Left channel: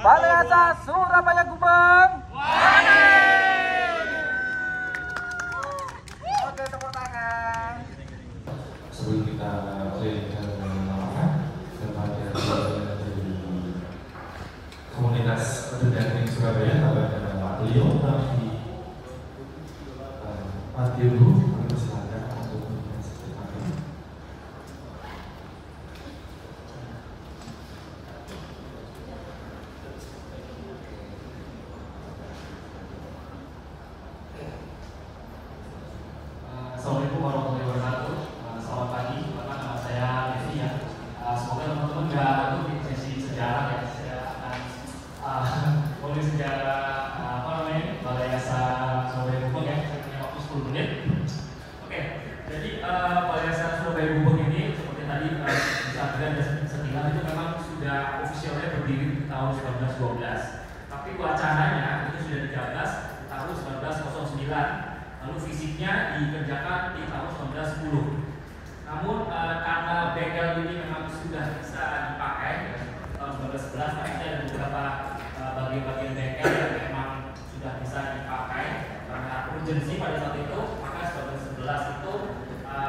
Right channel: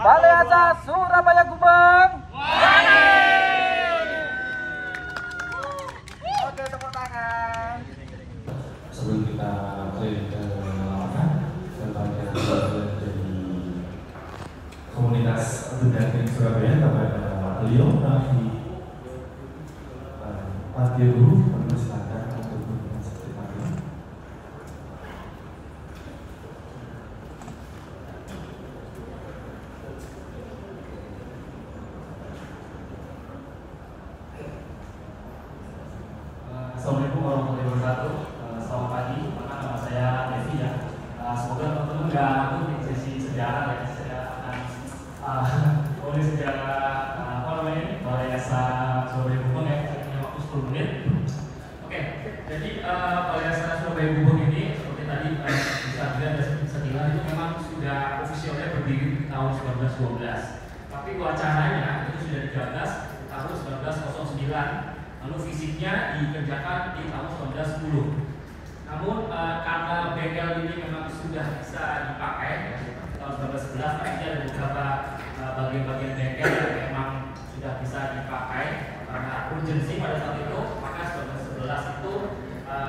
Balai Atas Surabaya Gubeng. Oke, tepuk tangan. Sebelum kita mulai ke dari komunitas Pendamping Surabaya kepada beliau di Radio Guru silakan untuk menyaksikan. Assalamualaikum warahmatullahi wabarakatuh. Selamat pagi, saya Devi ya. Semoga teman-teman nggak ngantuk di sesi sejarah ya. Saya akan tulis sejarah Balai Yayasan Surabaya Gubeng ya. Saya punya waktu 10 menit. Oke, jadi Balai Yayasan Surabaya Gubeng ini seperti tadi bisa dilihat dan sekilas itu memang sudah ofisialnya berdiri di tahun 1912. Tapi wacananya itu sudah digagas di tahun 1909. Lalu fisiknya dikerjakan di tahun 1910. Namun karena bengkel ini memang sudah bisa dipakai ya, tahun 1911, artinya ada beberapa bagian-bagian bengkel yang memang sudah bisa dipakai karena urgensi pada saat itu, maka 1911 itu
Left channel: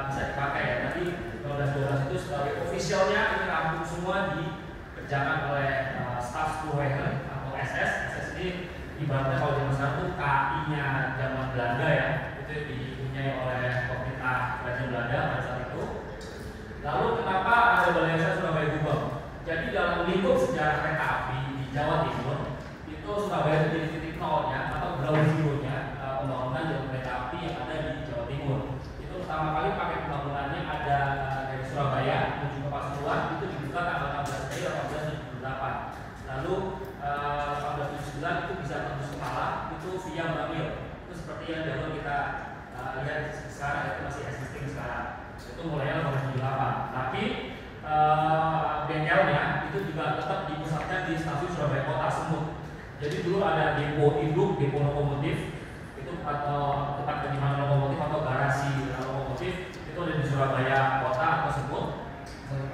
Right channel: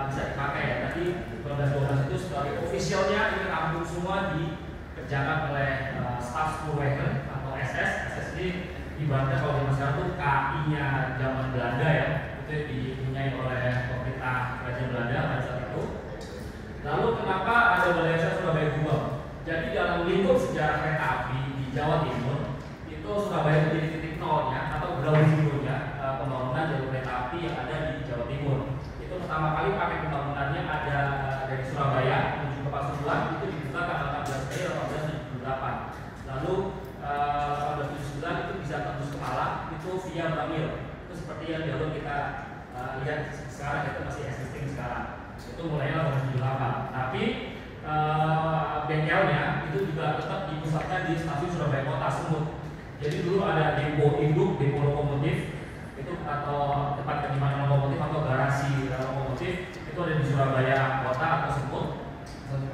bisa dipakai ya. Tadi 1912 itu sebagai officialnya ini rampung semua dikerjakan oleh staf Spoorwegen atau SS. SS ini ibaratnya kalau zaman sekarang itu KI-nya zaman Belanda ya, itu dipunyai oleh pemerintah kerajaan Belanda pada saat itu. Lalu kenapa ada Balai Yayasan Surabaya Gubeng? Jadi dalam lingkup sejarah kereta api di Jawa Timur itu Surabaya itu jadi titik nolnya atau ground zero-nya pembangunan jalur kereta api yang ada di Jawa Timur. Itu pertama kali pakai pembangunannya ada dari Surabaya menuju ke Pasuruan, itu dibuka tanggal 14 Mei 1878. Lalu tahun 2009 itu bisa tembus ke Malang itu via Bangil. Itu seperti yang jalur kita lihat sekarang, itu masih existing sekarang. Itu mulainya tahun 78. Tapi bengkelnya itu juga tetap dipusatkan di stasiun Surabaya Kota Semut. Jadi dulu ada depo induk, depo lokomotif itu atau tempat penyimpanan lokomotif atau garasi lokomotif itu ada di Surabaya Kota atau Semut,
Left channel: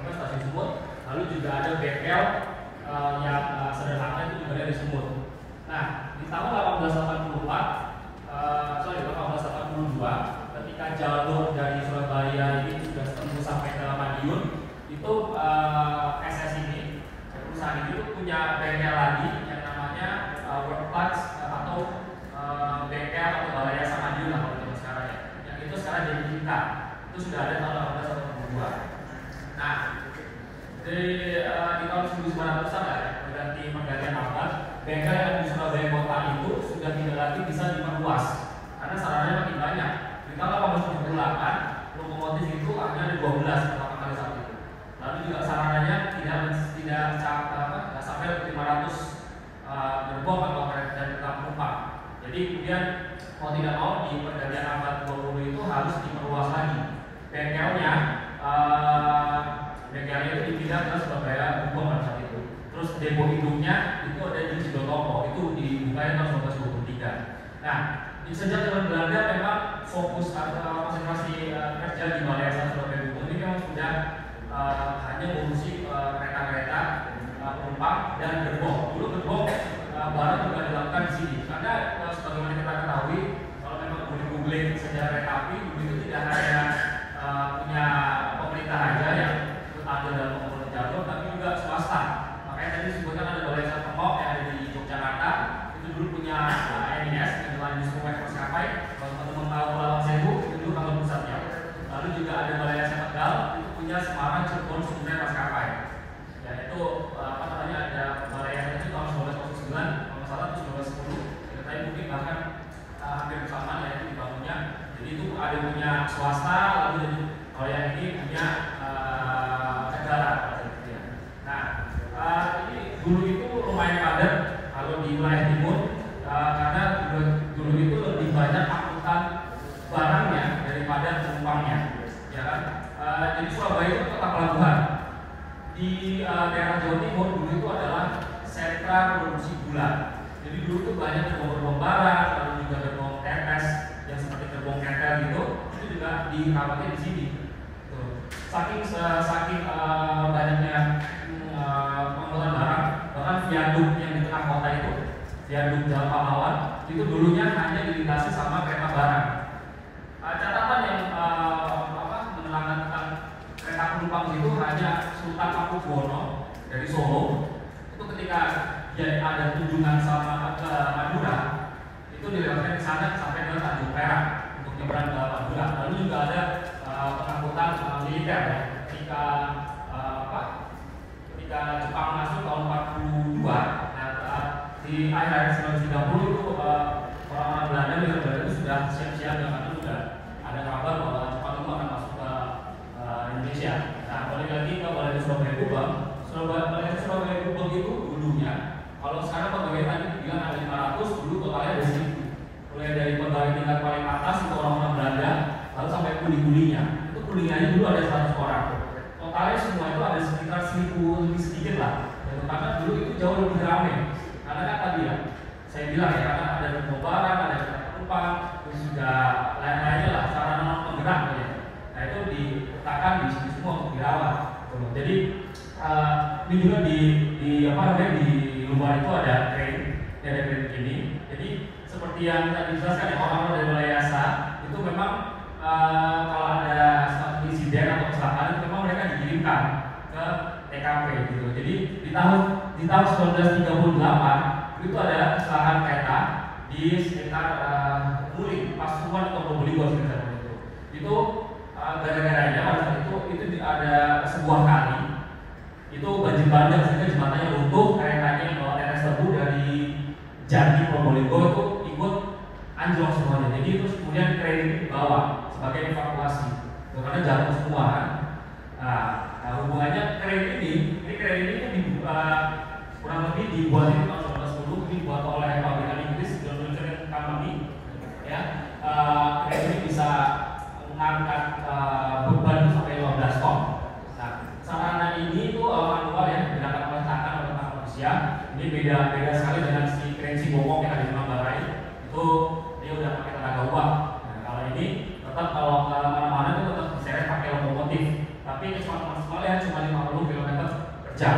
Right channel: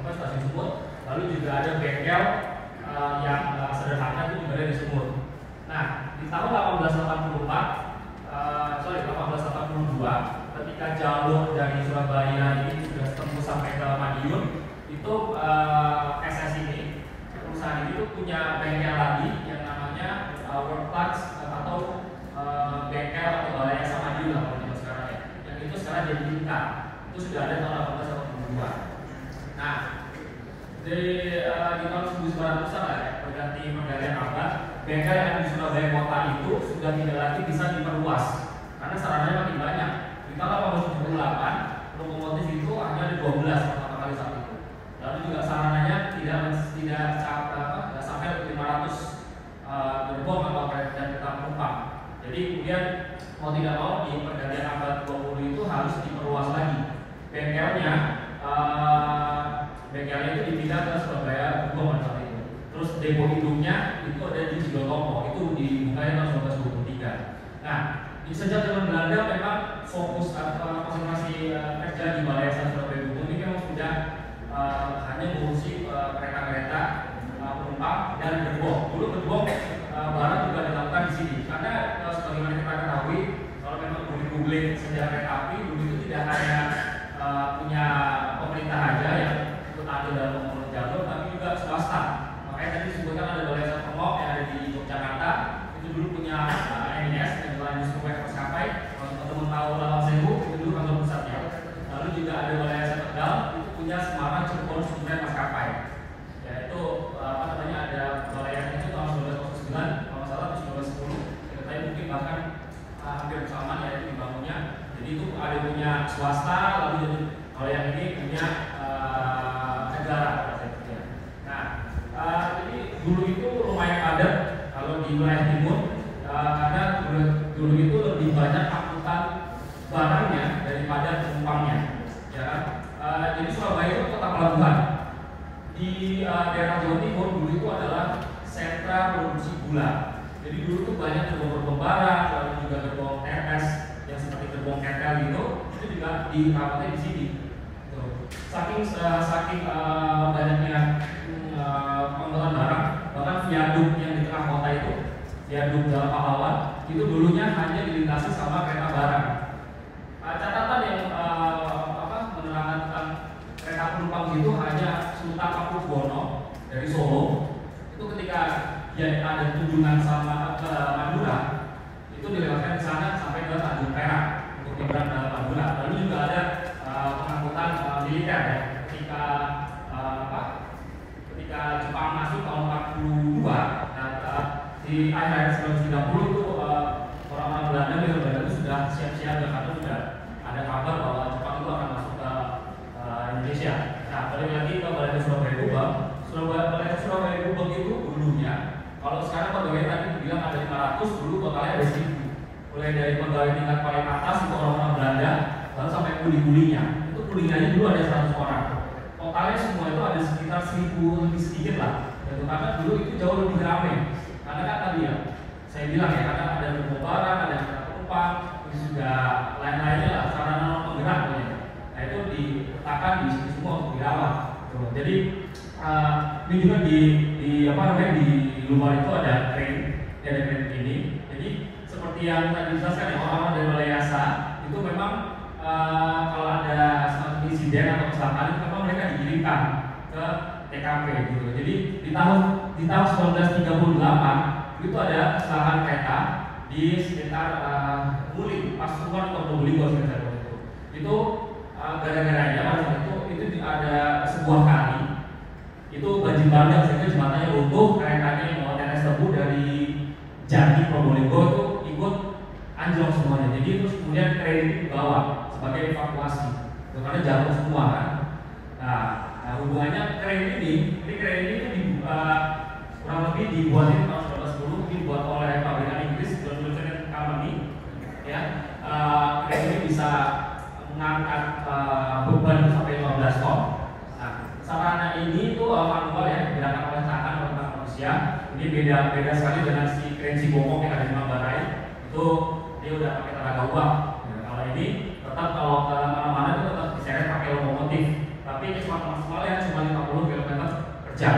stasiun Semut. Lalu juga ada bengkel yang sederhana itu juga dari Sumut. Nah, di tahun 1882 ketika jalur dari Surabaya ini sudah tembus sampai ke Madiun, itu SS ini, perusahaan ini tuh punya bengkel lagi yang namanya Workplace atau bengkel atau Balai Yayasan Madiun lah kalau zaman sekarang ya. Yang itu sekarang jadi tingkat. Itu sudah ada tahun 1882. Nah, di tahun 1900-an ya, berganti pergantian abad, bengkel yang ada di Surabaya Kota itu sudah tidak lagi bisa diperluas karena sarananya makin banyak. Di tahun 1878 lokomotif itu hanya ada 12 pertama kali saat itu. Lalu juga sarananya tidak sampai 500 gerbong atau kereta penumpang. Jadi kemudian mau tidak mau di pergantian abad 20 itu harus diperluas lagi bengkelnya. Bengkelnya itu dipindah ke Surabaya Gubeng pada saat itu. Terus depo induknya itu ada di Cidotomo, itu dibuka tahun 1923. Nah, sejak zaman Belanda memang fokus atau konsentrasi kerja di Balai Yayasan Surabaya Gubeng ini memang sudah hanya mengurusi kereta-kereta penumpang dan gerbong. Dulu gerbong barang juga dilakukan di sini. Karena sebagaimana kita ketahui, kalau memang googling sejarah kereta api, dulu itu tidak hanya punya pemerintah aja yang ada dalam pengelola jalur, tapi juga swasta. Makanya tadi disebutkan ada Balai Yayasan Pemok yang ada di Yogyakarta, itu dulu punya MIS, Mengelola Industri Maskapai. Kalau teman-teman tahu Lawang Sewu, itu dulu kantor pusatnya. Lalu juga ada Balai Yayasan Tegal, itu punya Semarang Cirebon Sumber Maskapai. Ya itu ada Balai Yayasan itu tahun 1909, kalau nggak salah itu 1910. Tapi mungkin bahkan hampir bersamaan ya itu dibangunnya. Jadi itu ada punya swasta, lalu jadi kalau yang ini punya negara. Nah, ini dulu itu lumayan padat kalau di wilayah timur karena dulu itu lebih banyak angkutan barangnya daripada penumpangnya, ya kan? Jadi Surabaya itu kota pelabuhan. Di daerah Jawa Timur dulu itu adalah sentra produksi gula. Jadi dulu itu banyak gerbong-gerbong barang, lalu juga gerbong RS yang seperti gerbong ketel gitu, itu juga dirawatnya di sini. Saking banyaknya pengangkutan barang, bahkan viaduk yang di tengah viaduk Jalan Pahlawan itu dulunya hanya dilintasi sama kereta barang. Catatan yang menerangkan tentang kereta penumpang itu hanya Sultan Hamengkubuwono dari Solo itu ketika dia ada kunjungan sama ke Madura itu dilewatkan di sana sampai ke Tanjung Perak untuk nyebrang ke Madura. Lalu juga ada pengangkutan militer ya, ketika Jepang masuk tahun 42, di akhir 1930 itu orang-orang Belanda itu sudah siap-siap ya, karena sudah ada kabar bahwa Jepang itu akan masuk ke Indonesia. Nah, balik lagi ke Balai Surabaya Gubeng. Balai Surabaya Gubeng itu dulunya, kalau sekarang pegawai tadi bilang ada 500, dulu totalnya ada 1000. Mulai dari pegawai tingkat paling atas itu orang-orang Belanda, lalu sampai kuli-kulinya. Itu kulinya dulu ada 100 orang. Totalnya semua itu ada sekitar 1000 lebih sedikit lah. Dan karena dulu itu jauh lebih ramai. Karena kan tadi ya, saya bilang ya, karena ada barang, ada kereta penumpang, terus juga lain-lainnya lah, sarana penggerak ya. Nah itu diletakkan di sini semua untuk dirawat. Jadi ini juga di luar itu ada crane ini. Jadi seperti yang tadi dijelaskan ya, orang-orang dari Balai Yasa itu memang kalau ada suatu insiden atau kecelakaan itu memang mereka dikirimkan ke TKP gitu. Jadi di tahun 1938 itu ada kecelakaan kereta di sekitar Muling, Pasuruan atau Probolinggo sekitar itu. Itu gara-garanya pada saat itu ada sebuah kali itu banjir bandang sehingga jembatannya runtuh, keretanya yang bawa tetes tebu dari Jati Probolinggo itu ikut anjlok semuanya. Jadi terus kemudian kren itu dibawa sebagai evakuasi karena jatuh semua kan. Nah, hubungannya kren ini kurang lebih dibuat di tahun 1910, dibuat oleh pabrikan Inggris John Johnson Company ya. Kren ini bisa mengangkat beban sampai 15 ton. Nah, sarana ini itu manual ya, digunakan oleh tangan oleh tangan manusia. Ini beda sekali dengan si kren Cibomong yang ada di Manggarai. Itu dia udah pakai tenaga uap. Nah, kalau ini tetap kalau ke mana-mana itu tetap diseret pakai lokomotif. Tapi kecepatan maksimalnya cuma 50 km per jam.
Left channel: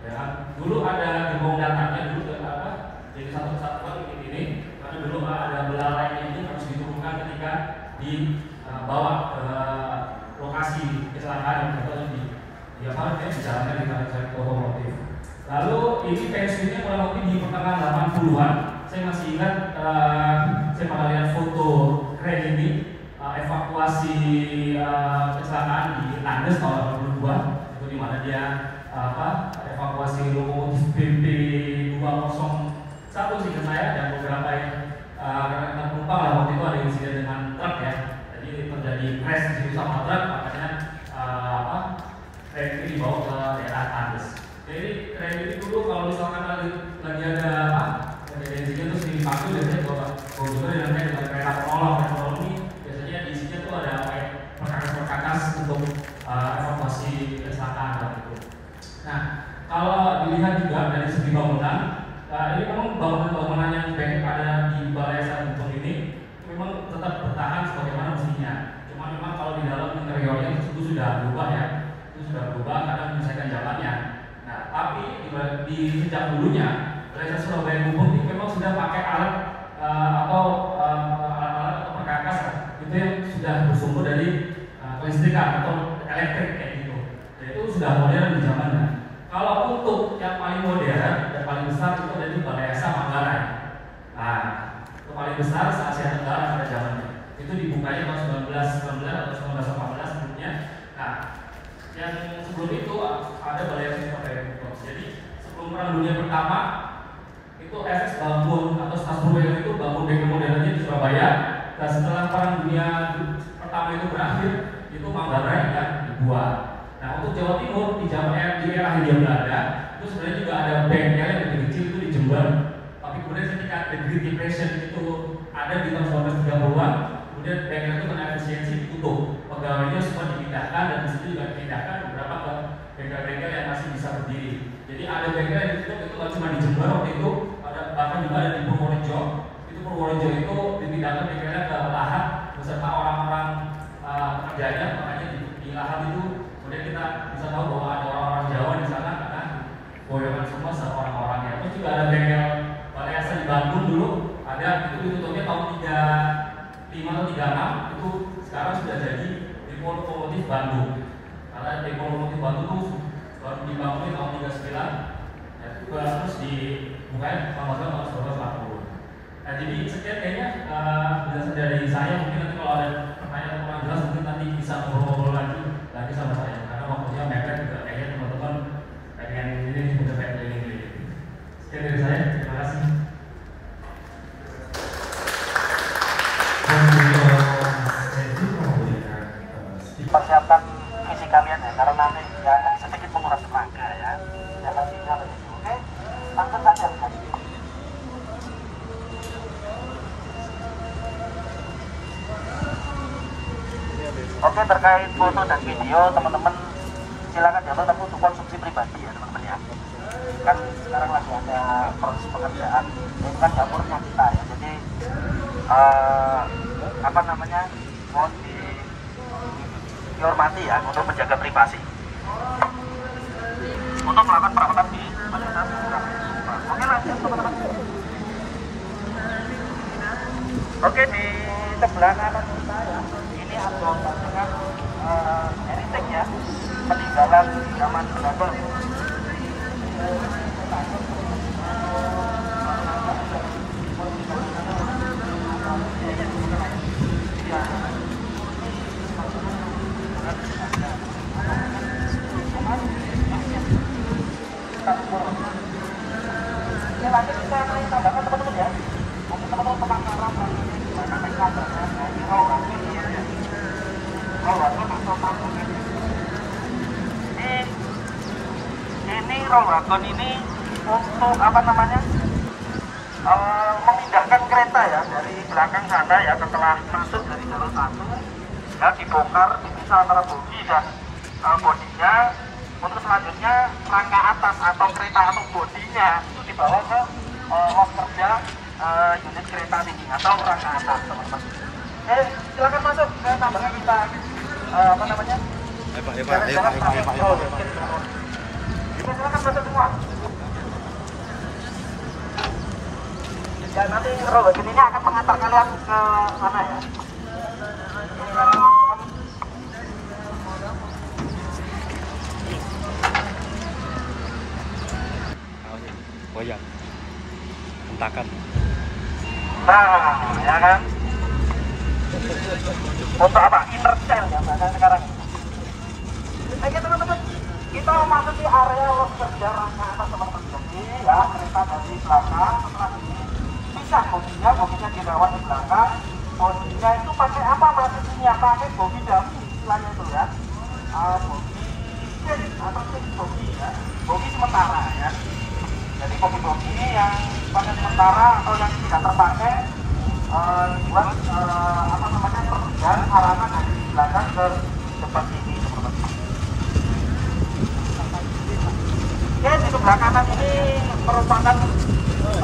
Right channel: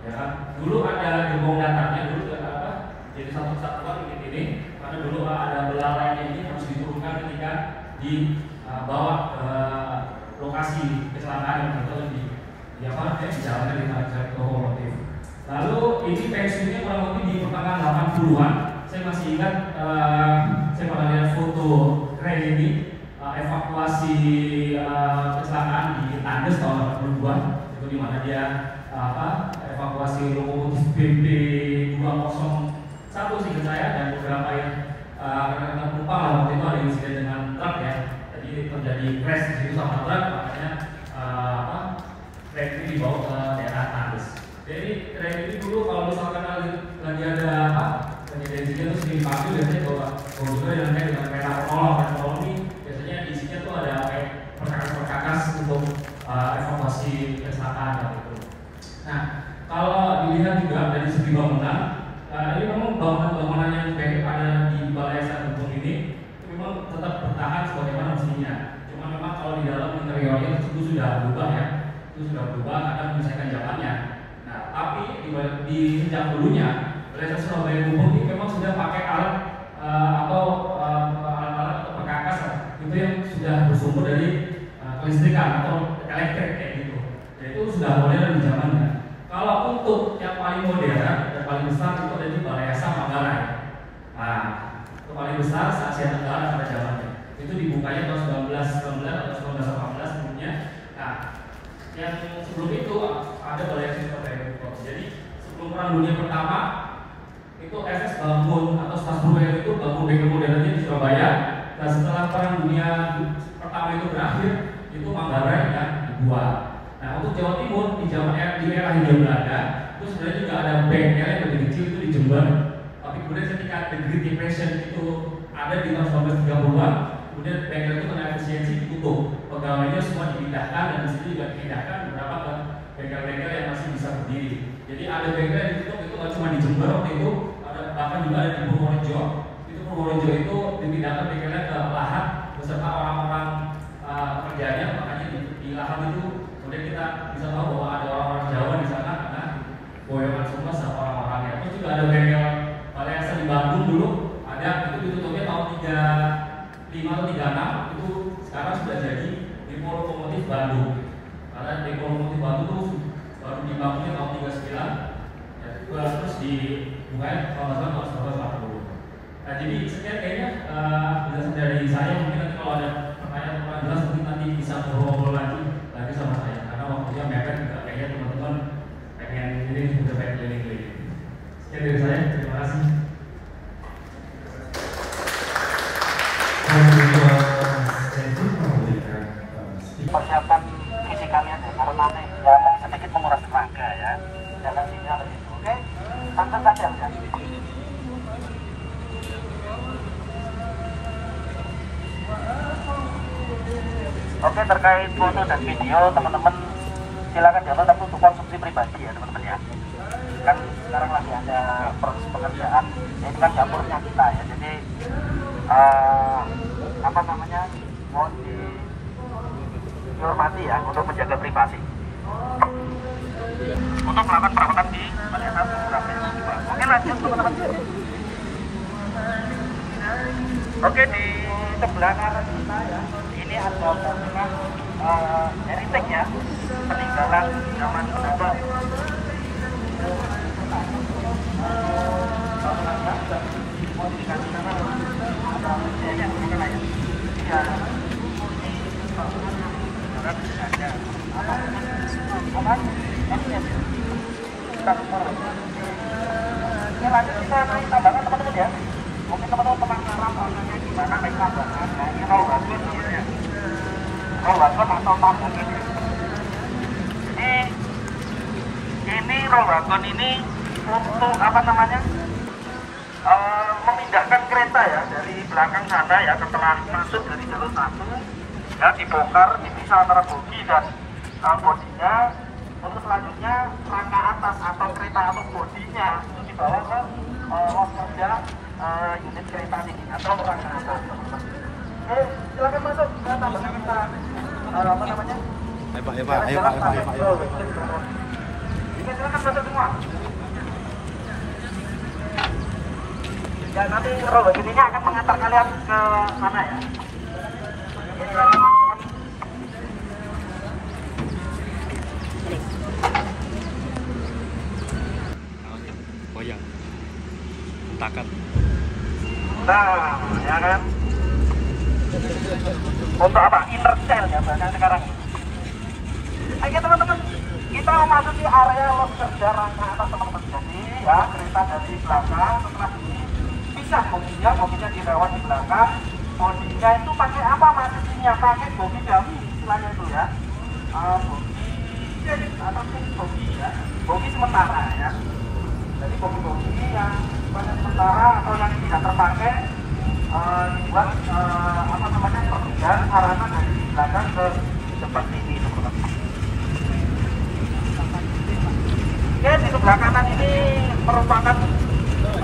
Ya kan? Dulu ada gerbong datangnya dulu jadi satu kesatuan ini karena dulu ada belalainya ini harus diturunkan ketika dibawa ke lokasi kecelakaan atau dijalankan di lokomotif. Lalu ini pensiunnya kurang lebih di pertengahan 80-an. Saya masih ingat saya pernah lihat foto keren ini evakuasi kecelakaan di Andes tahun 82 itu di mana dia evakuasi lokomotif BB 201 sih saya dan beberapa kereta penumpang lah waktu itu ada insiden dengan truk ya. Jadi terjadi crash di situ sama truk, makanya kereta ini dibawa ke daerah Andes. Jadi kereta ini dulu kalau misalkan lagi ada insiden terus dipanggil biasanya bawa juga dengan kereta penolong ini biasanya di sini tuh ada perkakas untuk evakuasi kecelakaan gitu. Nah, kalau dilihat juga dari segi bangunan, ini memang bangunan yang baik ada di Balai Yasa Gubeng ini memang tetap bertahan sebagaimana mestinya. Cuma memang kalau di dalam interiornya itu sudah berubah ya, itu sudah berubah karena menyelesaikan zamannya. Nah, tapi di sejak dulunya Balai Yasa Surabaya Gubeng ini memang sudah pakai alat alat-alat atau perkakas itu yang sudah bersumber dari kelistrikan atau elektrik kayak gitu. Dan itu sudah modern di zamannya. Kalau untuk yang paling modern dan paling besar itu ada di Balai Yasa Manggarai. Nah, itu paling besar se Asia Tenggara pada zamannya. Itu dibukanya tahun 1919 atau 1918 sebelumnya. Nah, yang sebelum itu ada Balai Yasa Surabaya Gubeng. Jadi sebelum Perang Dunia Pertama itu SS bangun atau Stasiun itu bangun bengkel modernnya di Surabaya. Dan setelah Perang Dunia Pertama itu berakhir, itu Manggarai yang dibuat. Nah, untuk Jawa Timur di era Hindia Belanda itu sebenarnya juga ada bengkel yang lebih kecil itu di Jember. Tapi kemudian ketika the Great Depression itu ada di tahun 1930-an, kemudian bengkel itu karena efisiensi ditutup. Pegawainya semua dipindahkan dan di situ juga dipindahkan beberapa ke bengkel-bengkel yang masih bisa berdiri. Jadi ada bengkel yang ditutup itu nggak cuma di Jember waktu itu, ada bahkan juga ada di Purworejo. Itu Purworejo itu dipindahkan bengkelnya ke Lahat beserta orang-orang pekerjanya, makanya di Lahat itu kemudian kita bisa tahu bahwa ada orang-orang Jawa di sana karena boyongan semua sama orang-orangnya. Terus juga ada bengkel Balai Yasa di Bandung dulu ada, itu ditutupnya tahun 35 atau 36, itu sekarang sudah jadi Depo Lokomotif Bandung. Karena Depo Lokomotif Bandung itu baru dibangun tahun 39, terus dibukain sama tahun 1940. Nah, jadi sekian kayaknya penjelasan dari saya. Mungkin nanti kalau ada pertanyaan kurang jelas mungkin nanti bisa ngobrol lagi sama saya. Karena waktunya mepet juga, kayaknya teman-teman pengen ini udah pengen keliling-keliling. Sekian dari saya, terima kasih. Persiapkan fisik kalian ya, karena nanti ya sedikit menguras tenaga ya. Jangan sinyal itu, oke? Langsung saja ya. Oke, terkait foto dan video teman-teman silakan download, tapi untuk konsumsi pribadi ya teman-teman ya. Kan sekarang lagi ada proses pekerjaan, ini kan dapurnya kita ya, jadi apa namanya, mohon dihormati ya untuk menjaga privasi. Untuk melakukan perawatan di pada saat program ini. Oke, lanjut teman-teman. Oke, di sebelah kanan kita ya, ini ada bangunan heritage ya, peninggalan zaman Jawa. Oke, lanjut kita naik tambahan teman-teman ya. Mungkin teman-teman penasaran rasanya gimana naik tambahan ya. Ini roll wagon namanya. Roll wagon atau tambahan. Ini roll wagon ini untuk apa namanya? Memindahkan kereta ya dari belakang sana ya, setelah masuk dari jalur 1 ya, dibongkar, dipisah antara bogi dan bodinya. Untuk selanjutnya rangka atas atau kereta atau bodinya itu dibawa ke los kerja unit kereta tinggi atau rangka atas teman-teman. Silakan masuk ke tambahan kita apa namanya? Ayo Pak. Silakan masuk semua. Ya, nanti roll ini akan mengantar kalian ke sana ya. Goyang, hentakan. Nah, ya kan. Untuk apa? Inner cell ya bahkan sekarang. Oke teman-teman, kita memasuki area los kerja rangka atas teman-teman. Jadi ya, kereta dari belakang setelah ini pisah boginya dirawat di belakang. Bodinya itu pakai apa maksud ini ya? Pakai bogi dummy istilahnya itu ya. Bogi atau bogi ya. Bogi sementara ya. Jadi bogi-bogi ini yang pakai sementara atau yang tidak terpakai buat apa namanya, perpindahan arahan dari belakang ke depan ini teman-teman. Oke, di sebelah kanan ini merupakan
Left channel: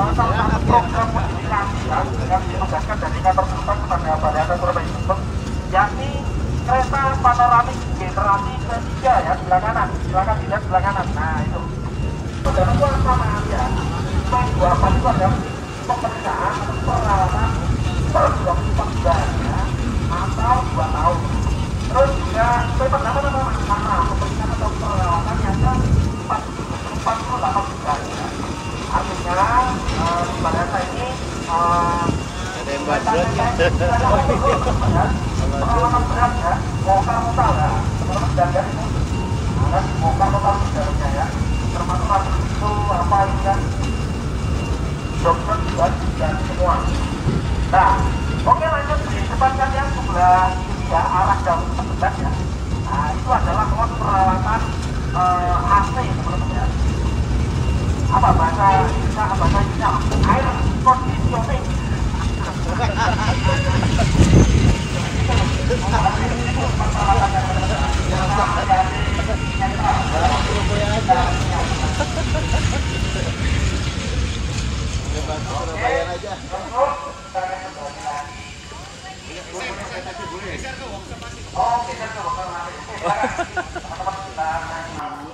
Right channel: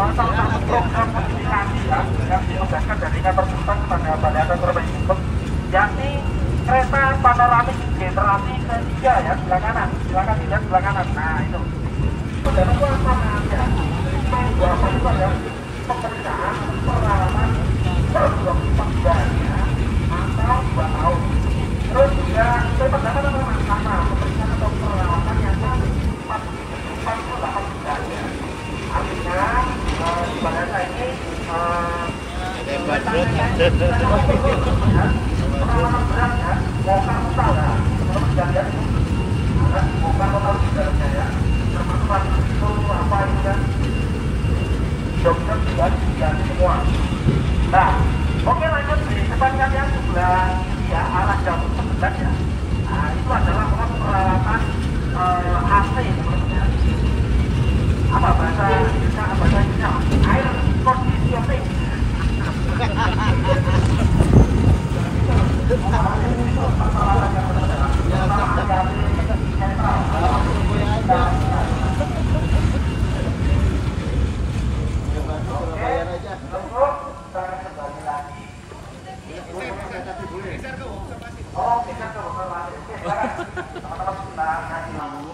salah satu program modifikasi ya yang dilakukan dari kantor pusat kepada Balai Atas Surabaya, yakni kereta panoramik generasi ketiga ya, sebelah kanan, silakan dilihat sebelah kanan. Nah itu. Jadi itu sama aja. Yang dua kali itu adalah pemeriksaan pengalaman perjuangan panjangnya atau 2 tahun. Terus juga itu pertama pemeriksaan perawatan yang tepat atau tidak. Artinya ibaratnya ini pengalaman berat ya, lokal ya, berat ya, lokal ya, termasuk itu apa itu dokter dan semua. Nah, oke, lanjut di depan kalian sebelah ya, arah jauh sebelah ya. Nah, itu adalah ruang perawatan AC ya. Apa bahasa Indonesia, bahasa Indonesia air conditioning.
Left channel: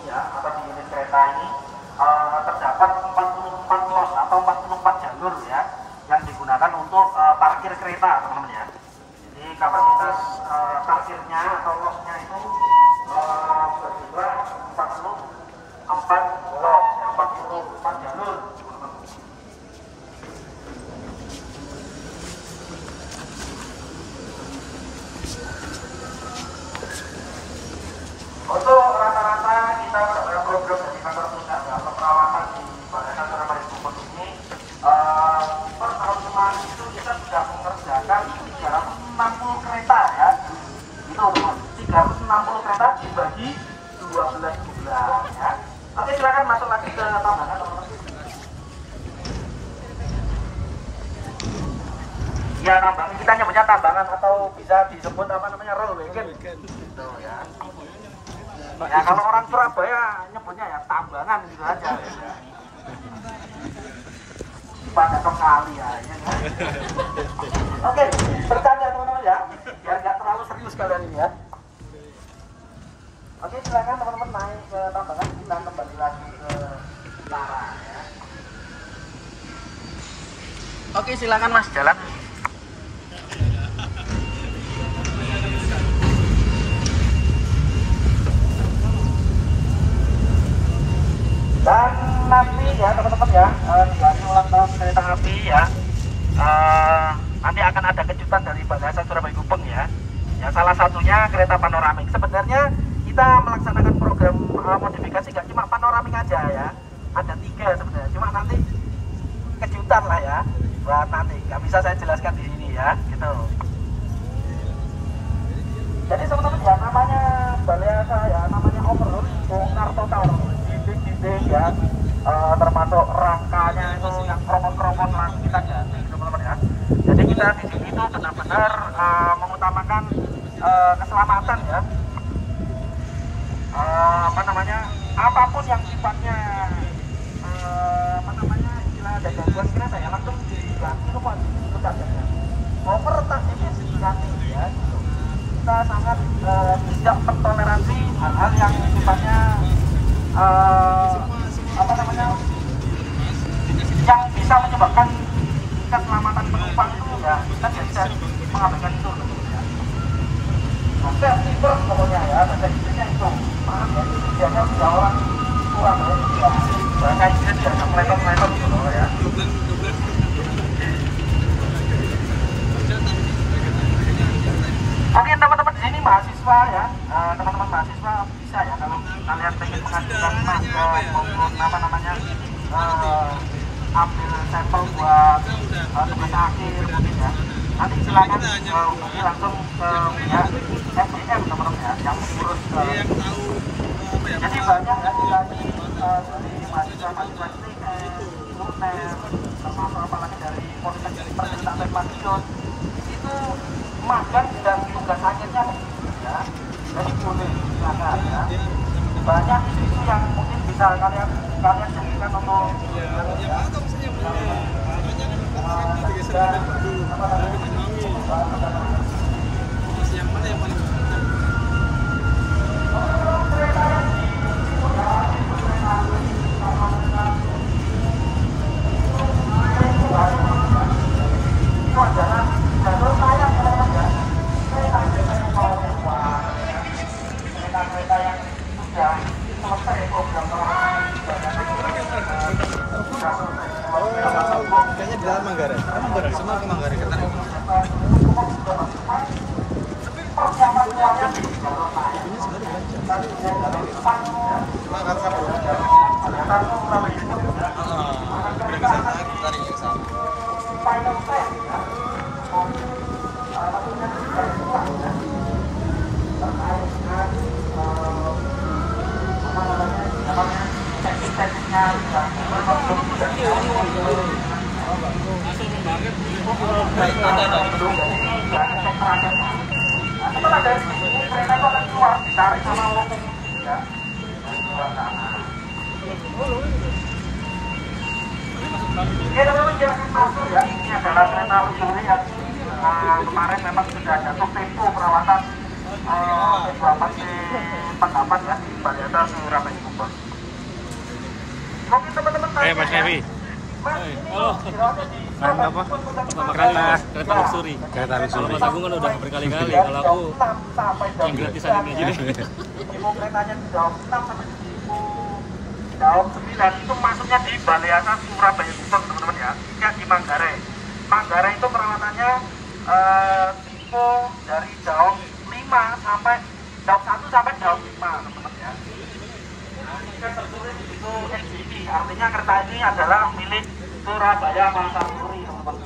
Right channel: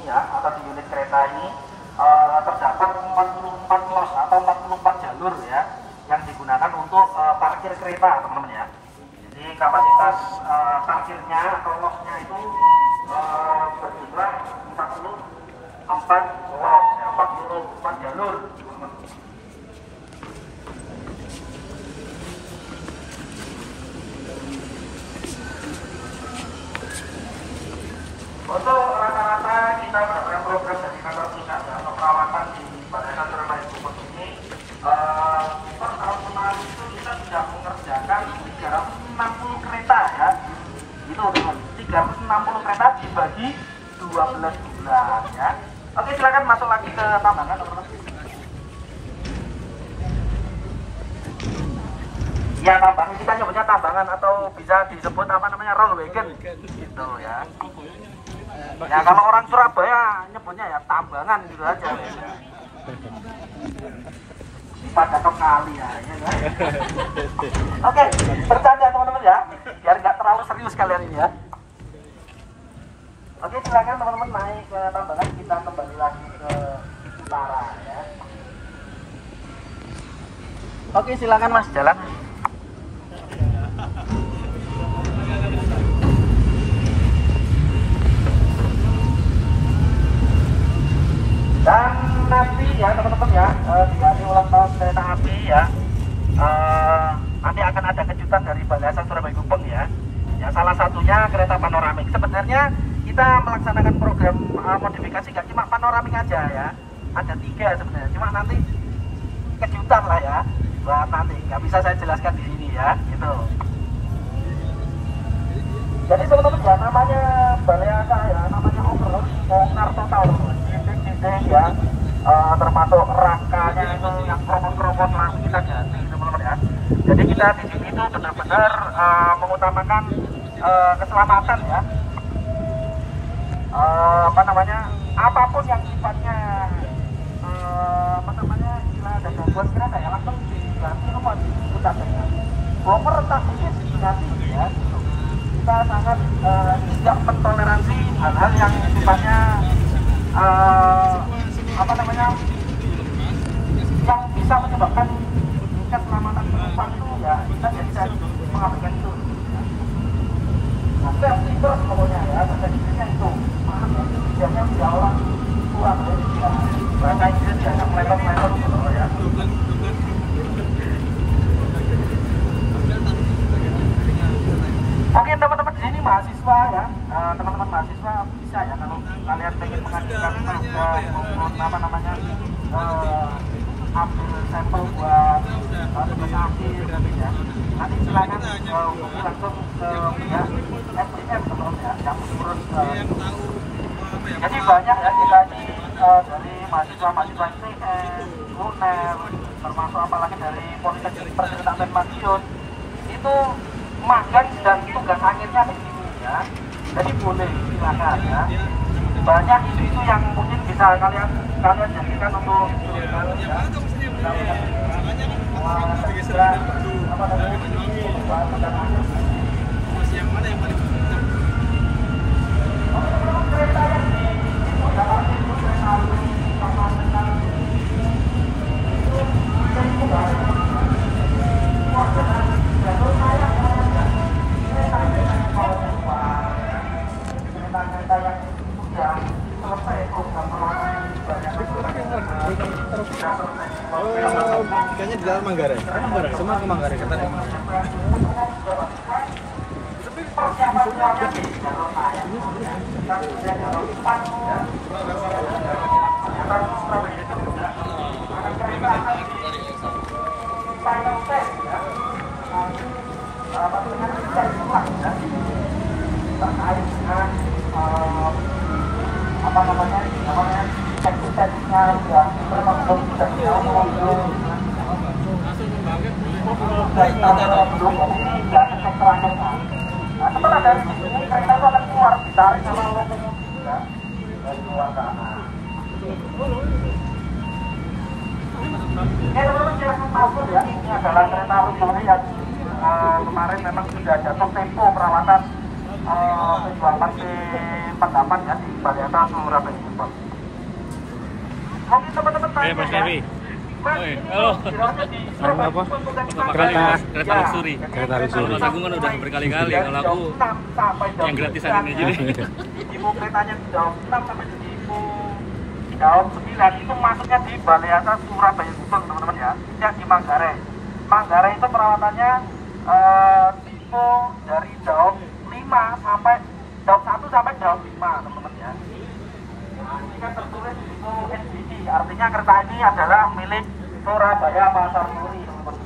Ya, atau di unit kereta ini terdapat 44 los atau 44 jalur ya. digunakan untuk parkir kereta, teman-teman ya. Jadi kapasitas parkirnya atau losnya itu berjumlah 44 los, 44 jalur. Untuk rata-rata kita pada program dari kantor pusat ya, atau perawatan di Balai Kantor Surabaya Gubeng ini per tahun kemarin itu kita sudah mengerjakan 360 kereta ya. Itu teman, 360 kereta dibagi 12 bulan ya. Oke, silakan masuk lagi ke tambangan teman-teman. Ya, tambangan kita nyebutnya tambangan atau bisa disebut apa namanya roll wagon gitu ya. Ya kalau orang Surabaya nyebutnya ya tambangan gitu aja ya. Pada kali ya, ya kan? Oke, bercanda teman-teman ya, biar nggak terlalu serius kalian ini ya. Oke, silakan teman-teman naik ke tambangan, kita kembali lagi ke utara ya. Oke, silakan Mas jalan. Dan nanti ya teman-teman ya, dari ulang tahun kereta api ya, nanti akan ada kejutan dari Balai Surabaya Gubeng ya. Ya salah satunya kereta panoramik. Sebenarnya kita melaksanakan program modifikasi gak cuma panoramik aja ya, ada 3 sebenarnya. Cuma nanti kejutan lah ya. Nah, nanti nggak bisa saya jelaskan di sini ya, gitu. Jadi teman-teman ya, namanya Balai ya, namanya off-road, bongkar total. Ya, termasuk rangkanya itu yang kromot-kromot langsung kita ganti teman-teman ya. Jadi kita di sini itu benar-benar mengutamakan keselamatan ya. Apa namanya, apapun yang sifatnya apa namanya, ada gangguan kereta ya langsung diganti rumah kita retak ini nanti ya. Kita sangat tidak mentoleransi hal-hal yang sifatnya apa namanya, yang bisa menyebabkan keselamatan penumpang itu ya kita tidak bisa mengabaikan itu ya. Safety first pokoknya ya, bahasa Inggrisnya itu. Maaf ya, biasanya tidak orang tua ya, bahasa Inggris jangan meletot-meletot gitu loh ya. Oke teman-teman, di sini mahasiswa ya, teman-teman mahasiswa bisa ya kalau kalian pengen mengajukan magang maupun apa namanya ambil sampel buat tugas akhir mungkin ya. Nanti silakan hubungi langsung ke pihak SDM teman-teman ya, yang mengurus. Jadi banyak ya kita ini dari mahasiswa-mahasiswa ITS, UNER, termasuk apalagi dari Politeknik Perkereta Madiun itu magang dan tugas akhirnya begini ya. Jadi boleh silakan ya. Banyak isu-isu yang mungkin bisa kalian jadikan untuk ya. Dan juga apa namanya tugas akhir. Kayaknya di dalam Manggarai. Semua ke Manggarai kereta. Ini apa namanya tekniknya ya setelah dari sini kereta itu akan keluar ditarik sama lokomotif ya dari luar sana. Oke teman-teman, kita akan masuk ya. Ini adalah kereta Luguri yang kemarin memang sudah jatuh tempo perawatan P24 P48 ya di Balai Surabaya. Mungkin teman-teman Mas Nevi. Halo. Apa? Kereta luxury. Kereta luxury. Mas Agung kan udah berkali-kali. Kalau aku yang gratisan ini aja deh. Ibu keretanya di Daum 6 sampai di Daum 9 itu masuknya di Balai Atas Surabaya Gubeng teman-teman ya. Yang di Manggarai. Manggarai itu perawatannya tipe dari Daum 5 sampai Daum 1 sampai Daum 5 teman-teman ya. Nah, ini kan tertulis di NGV, artinya kereta ini adalah milik Surabaya Pasar Turi teman-teman.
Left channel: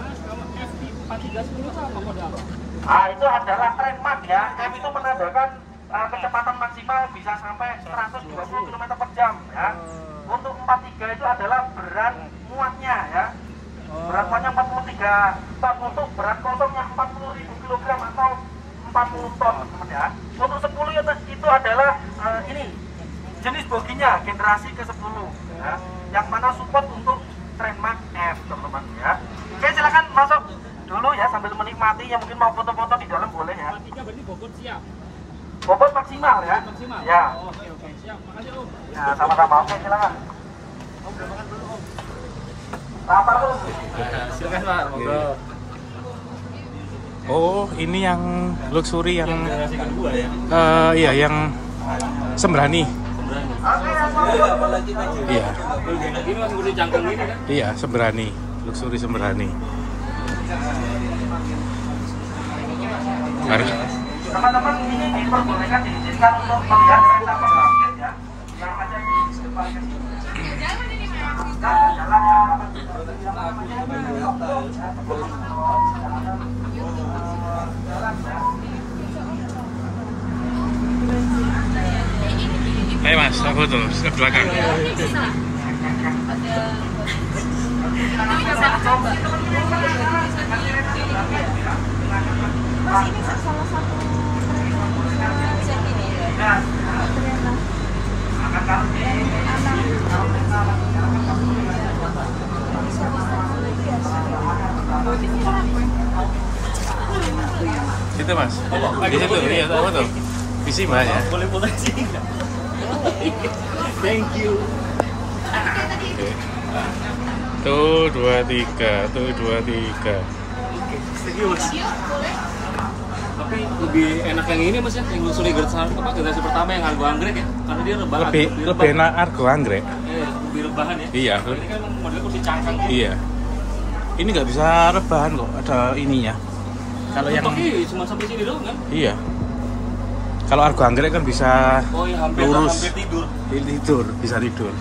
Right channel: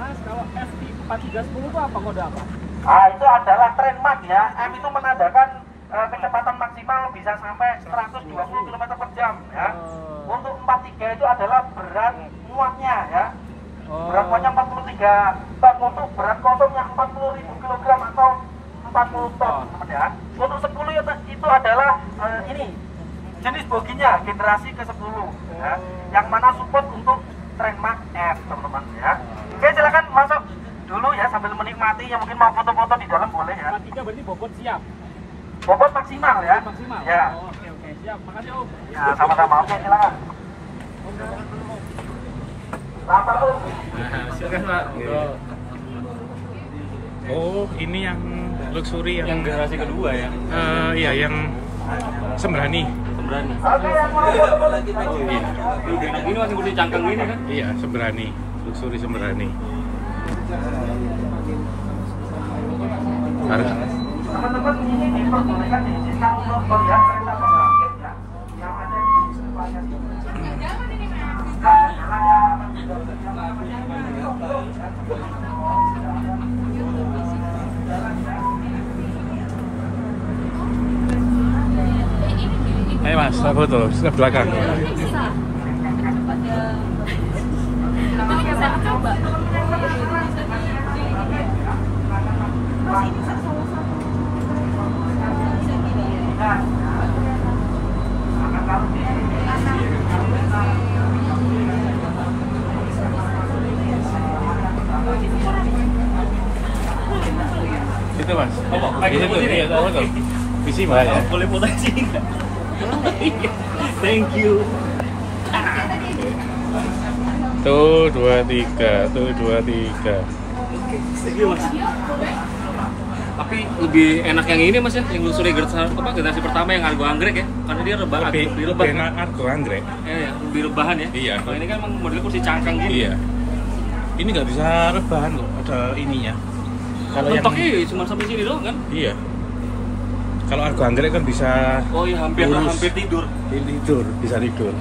Mas, kalau FT 4310 itu apa, kode apa? Nah, itu adalah trademark ya. M itu menandakan kecepatan maksimal bisa sampai 120 km per jam ya. Untuk 43 itu adalah berat muatnya ya. Berat muatnya 43 ton, untuk berat kosongnya 40.000 kg atau 40 ton teman ya. Untuk 10 itu adalah ini jenis boginya generasi ke-10 ya. Yang mana support untuk trademark F teman-teman ya. Oke, silakan masuk dulu ya sambil menikmati, yang mungkin mau foto-foto di dalam boleh ya. 43 berarti bobot siap. Bobot maksimal ya. Maksimal. Ya. Oh, oke, siap. Makasih, Om. Ya, sama-sama. Oke, silakan. Om, udah makan dulu, Om. Lapar Om. Silakan, Pak. Oh, ini yang luxury yang Generasi kedua ya. Iya, yang Sembrani. Sembrani. Oke, yang mau Iya. Ini masih kursi cangkang gini kan? Iya, Sembrani. Luxury Sembrani. Harga teman-teman ini diperbolehkan diizinkan untuk melihat kereta pembangkit ya. Yang ada di depannya sini. Ayo Mas, saya foto sebelah belakang. Situ Mas, di situ, iya tahu tuh. Visi Mbak ya. Boleh foto sih enggak? Thank you. Tuh 23, tuh 23. Oke, serius. Tapi lebih enak yang ini Mas ya, yang luxury generasi pertama yang argo anggrek ya, karena dia rebahan. Lebih enak argo anggrek. Lebih rebahan ya. Iya. Kalau ini kan emang modelnya kursi cangkang gitu. Iya. Ini nggak bisa rebahan kok, ada ininya. Kalau yang Mentoknya cuma sampai sini doang kan? iya. Kalau argo anggrek kan bisa Oh iya, hampir lurus. tidur. Tidur, bisa tidur.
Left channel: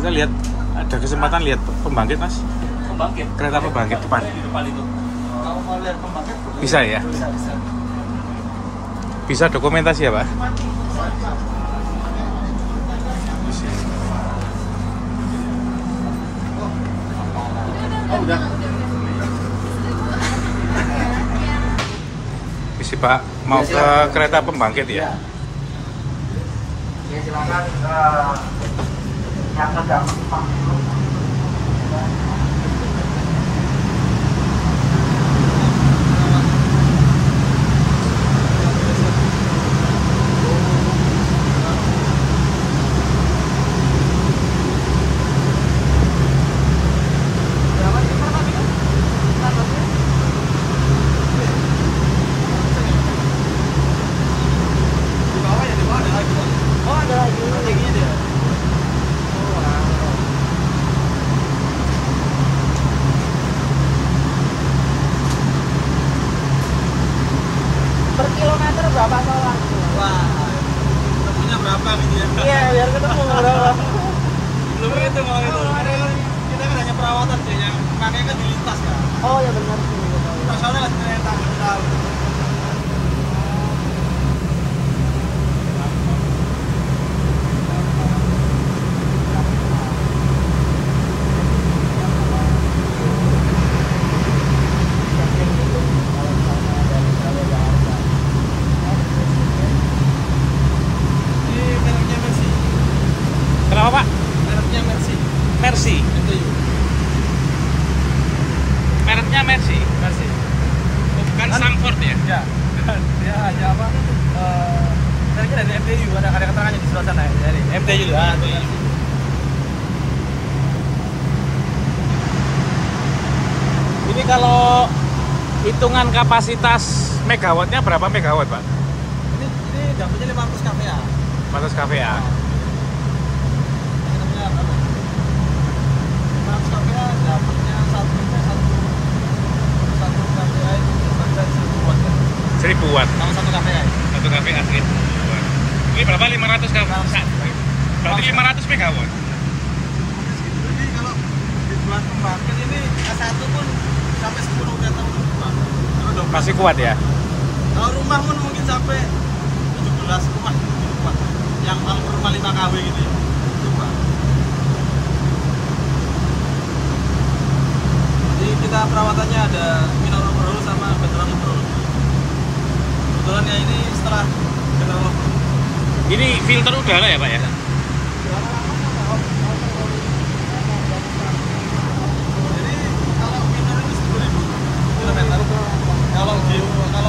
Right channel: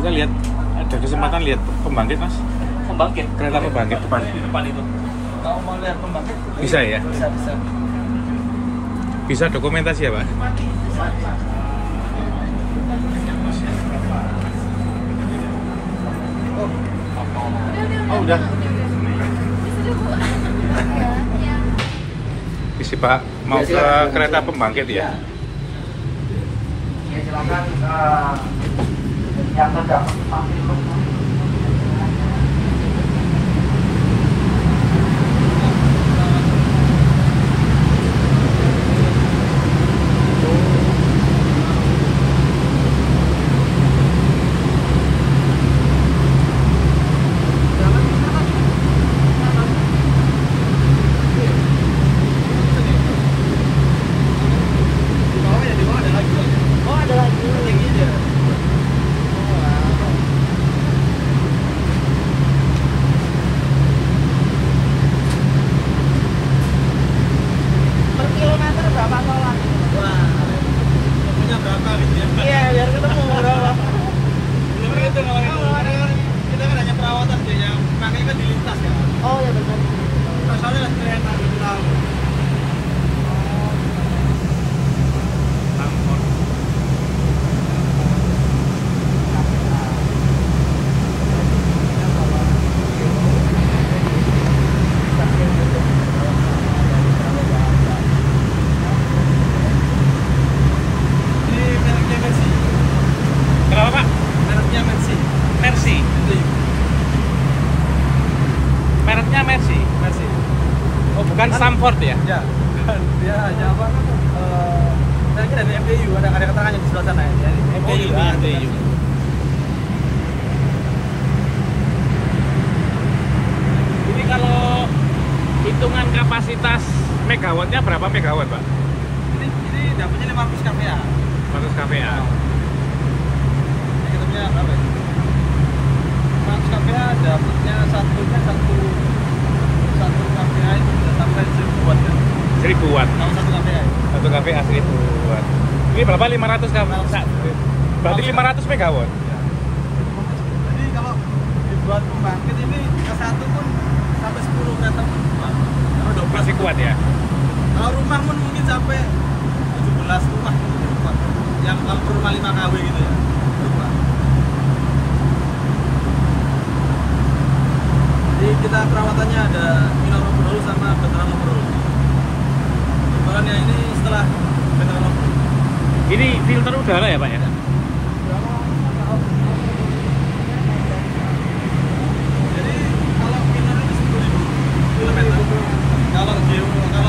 Kita lihat, ada kesempatan lihat pembangkit Mas. Pembangkit. Kereta pembangkit depan. Di depan itu. Kalau mau lihat pembangkit Bisa ya? bisa. Bisa dokumentasi ya Pak? Oh udah. Bisa Pak, mau ke kereta pembangkit ya? Ya, silakan yang sedang menikmati Ini kalau hitungan kapasitas megawattnya berapa megawatt, Pak? Ini dapatnya 500 kVA. 400 kVA. Hitungnya berapa ya? 500 kVA dapatnya satu kVA itu sampai 1000 watt. 1000 watt. Sama 1 kVA. 1 kVA 1000 watt. Ini berapa 500 kVA? Berarti 500 megawatt. Jadi kalau dibuat pembangkit ini S1 pun sampai 10 kereta. Masih kuat ya? Kalau rumah pun mungkin sampai 17 rumah. Yang rumah 5 kW gitu ya. Jadi kita perawatannya ada minor overhaul sama background overhaul. Kebetulan ya ini setelah background overhaul. Ini filter udara ya, Pak ya? Jadi kalau minor itu 10.000. Kalau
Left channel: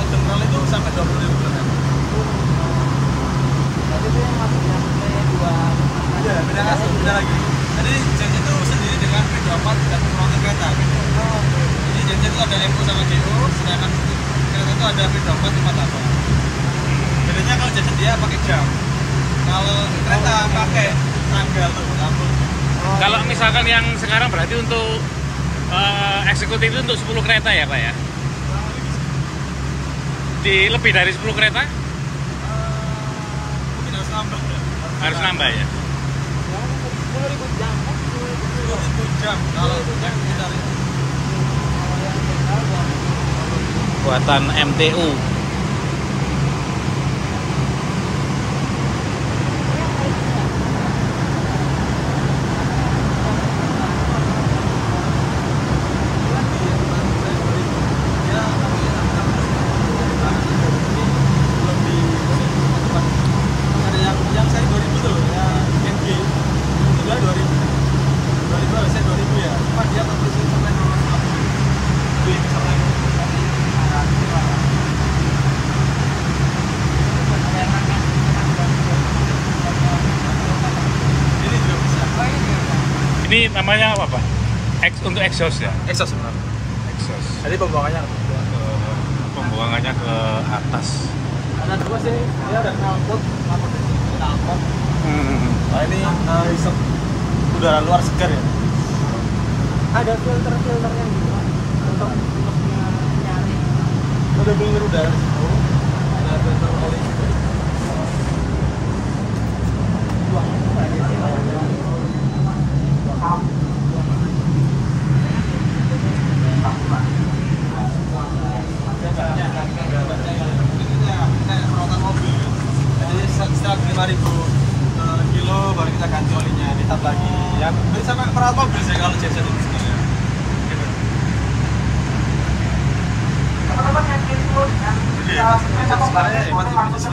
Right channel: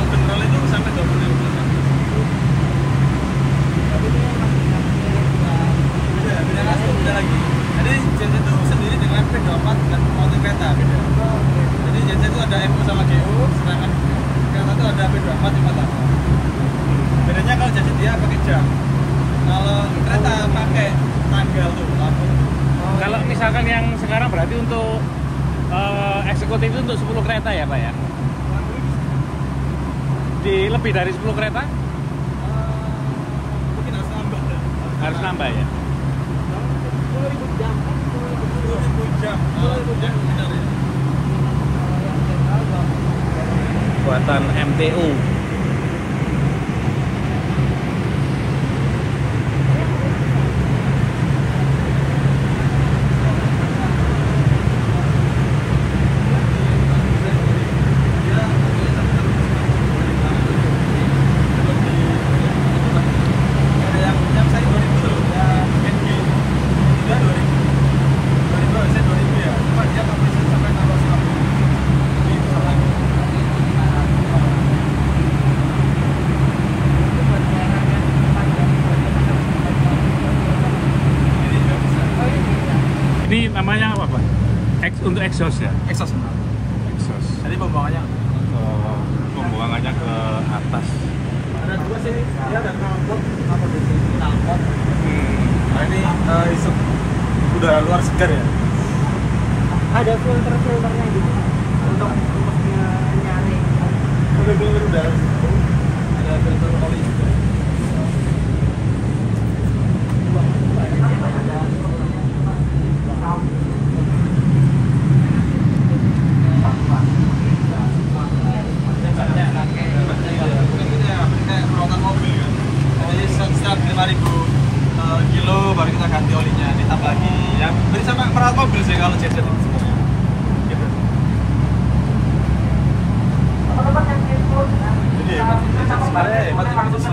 general itu sampai 20.000. Beda lagi. Jadi JJ itu sendiri dengan P24 dan pembangunan kereta. Jadi JJ itu ada MO sama GO, sedangkan kereta itu ada P24 4 bedanya kalau JJ dia pakai jam. Kalau kereta pakai tanggal tuh, lampu. Kalau misalkan yang sekarang berarti untuk eksekutif itu untuk 10 kereta ya, Pak ya? Di lebih dari 10 kereta? Mungkin harus nambah. Harus nambah ya? 10.000 jam. Kalau jam tidak. Buatan MTU. Yang saya 2000 tuh ya MG sudah 2000 saya 2000 ya cuma dia kapasitas sampai 600 itu sama ini juga bisa. Ini namanya apa, Pak? Untuk exhaust ya? Exhaust benar. Exhaust. Jadi pembuangannya Pembuangannya ke atas. ada dua sih, dia ada knalpot atau knalpot. Nah ini riset udara luar segar ya. Ada filter udara, ada filter oli. Setiap 5.000 kilo baru kita ganti olinya, ditap lagi. Ya, nanti sama perawat mobil sih kalau JZ itu sebenarnya. Jadi sebenarnya hemat itu sih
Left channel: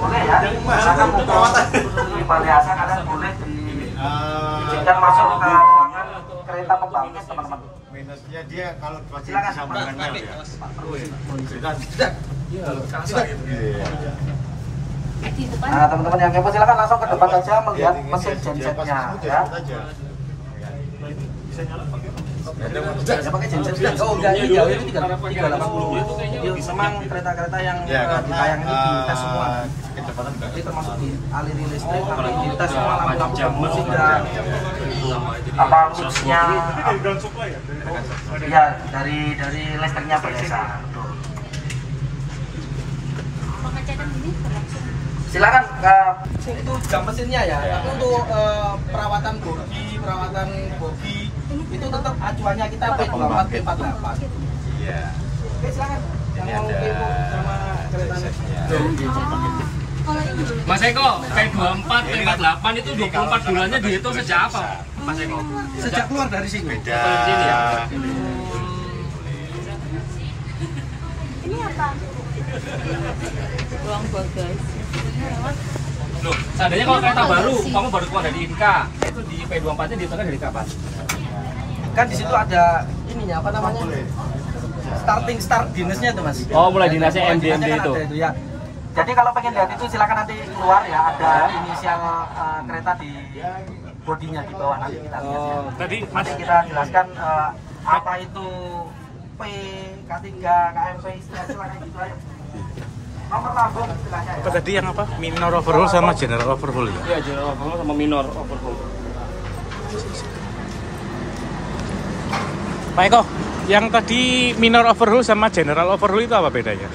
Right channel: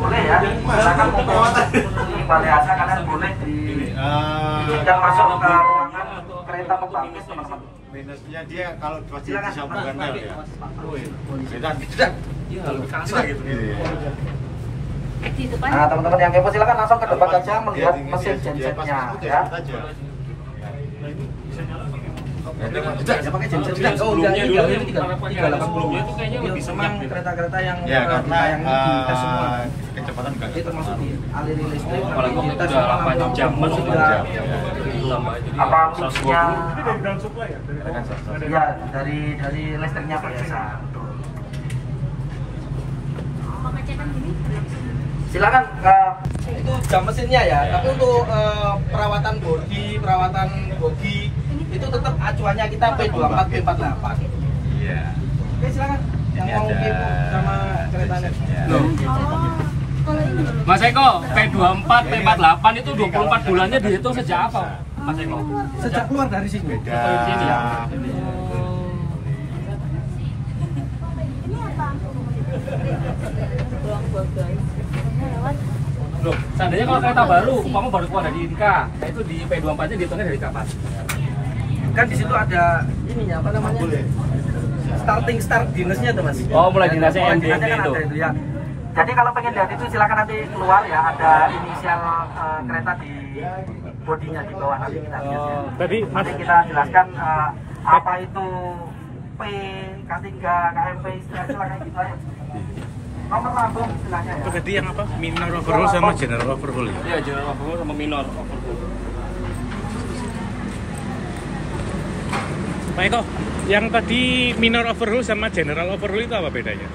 boleh ya. Misalkan perawatan biasa kalian boleh yang masuk ke ruangan kereta pembangkit teman-teman. Minusnya dia kalau masih Silakan. disambungkan rel ya. Nah teman-teman yang kepo silakan langsung ke depan saja melihat mesin gensetnya ya. Bisa pakai genset juga. Oh ya ini itu 380. Memang kereta-kereta yang karena ini dites semua. kecepatan enggak. Ini termasuk di aliran listrik yang dites semua jam. Apa fungsinya? Iya dari listriknya biasa. Silakan itu jam mesinnya ya. Tapi untuk perawatan bodi itu tetap acuannya kita P24 P48. Iya. Oke silakan. Yang mau kepo sama keretanya. Mas Eko, P24, P48 itu 24 bulannya dihitung sejak apa, Mas Eko? Sejak keluar dari sini. Beda. Ini apa? Loh, seandainya kalau kereta baru, kamu baru keluar dari Inka, itu di P24-nya dihitungnya dari kapan? Kan di situ ada ininya apa namanya? Start dinasnya itu Mas. Oh, mulai dinasnya MD Dinasnya kan itu. ada itu ya. Jadi kalau pengen lihat itu silakan nanti keluar ya, ada inisial kereta di bodinya di bawah, nanti kita lihat ya. Tadi Mas Nanti kita jelaskan apa itu P, K3, KMP, istilahnya gitu aja. Nomor lambung istilahnya ya. tadi yang apa? Minor overhaul sama general overhaul ya? Iya, general overhaul sama minor overhaul. Pak Eko, yang tadi minor overhaul sama general overhaul itu apa bedanya?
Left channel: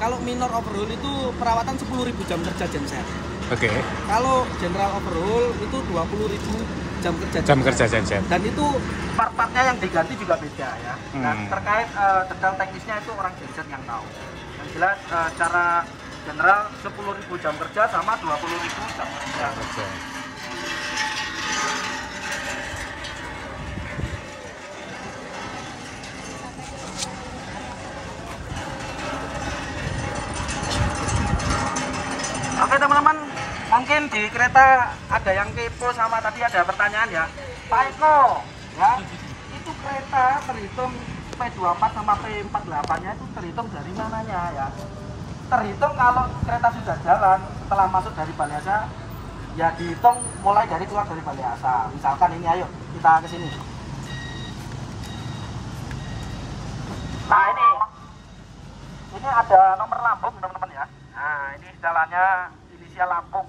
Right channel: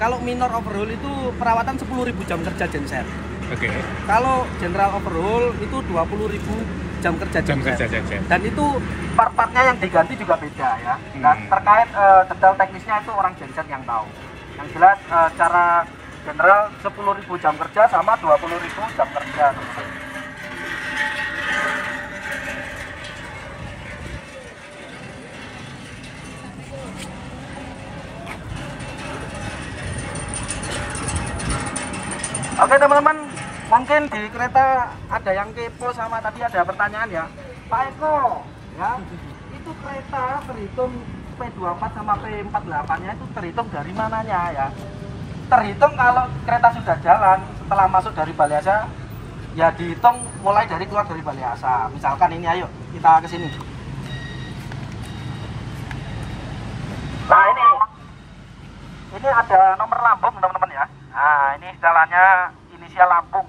Kalau minor overhaul itu perawatan 10.000 jam kerja genset. Oke. Kalau general overhaul itu 20.000 jam kerja Jam genset. kerja genset. Dan itu Part-partnya yang diganti juga beda ya. Nah, terkait detail teknisnya itu orang genset yang tahu. Yang jelas cara general 10.000 jam kerja sama 20.000 jam kerja. Oke teman-teman, mungkin di kereta ada yang kepo sama tadi ada pertanyaan ya, Pak Eko, ya itu kereta terhitung P24 sama P48 nya itu terhitung dari mananya ya? Terhitung kalau kereta sudah jalan setelah masuk dari Balai Asa, ya dihitung mulai dari keluar dari Balai Asa. Misalkan ini, ayo kita ke sini. Nah ini ada nomor lambung teman-teman ya. Nah ini jalannya inisial lambung.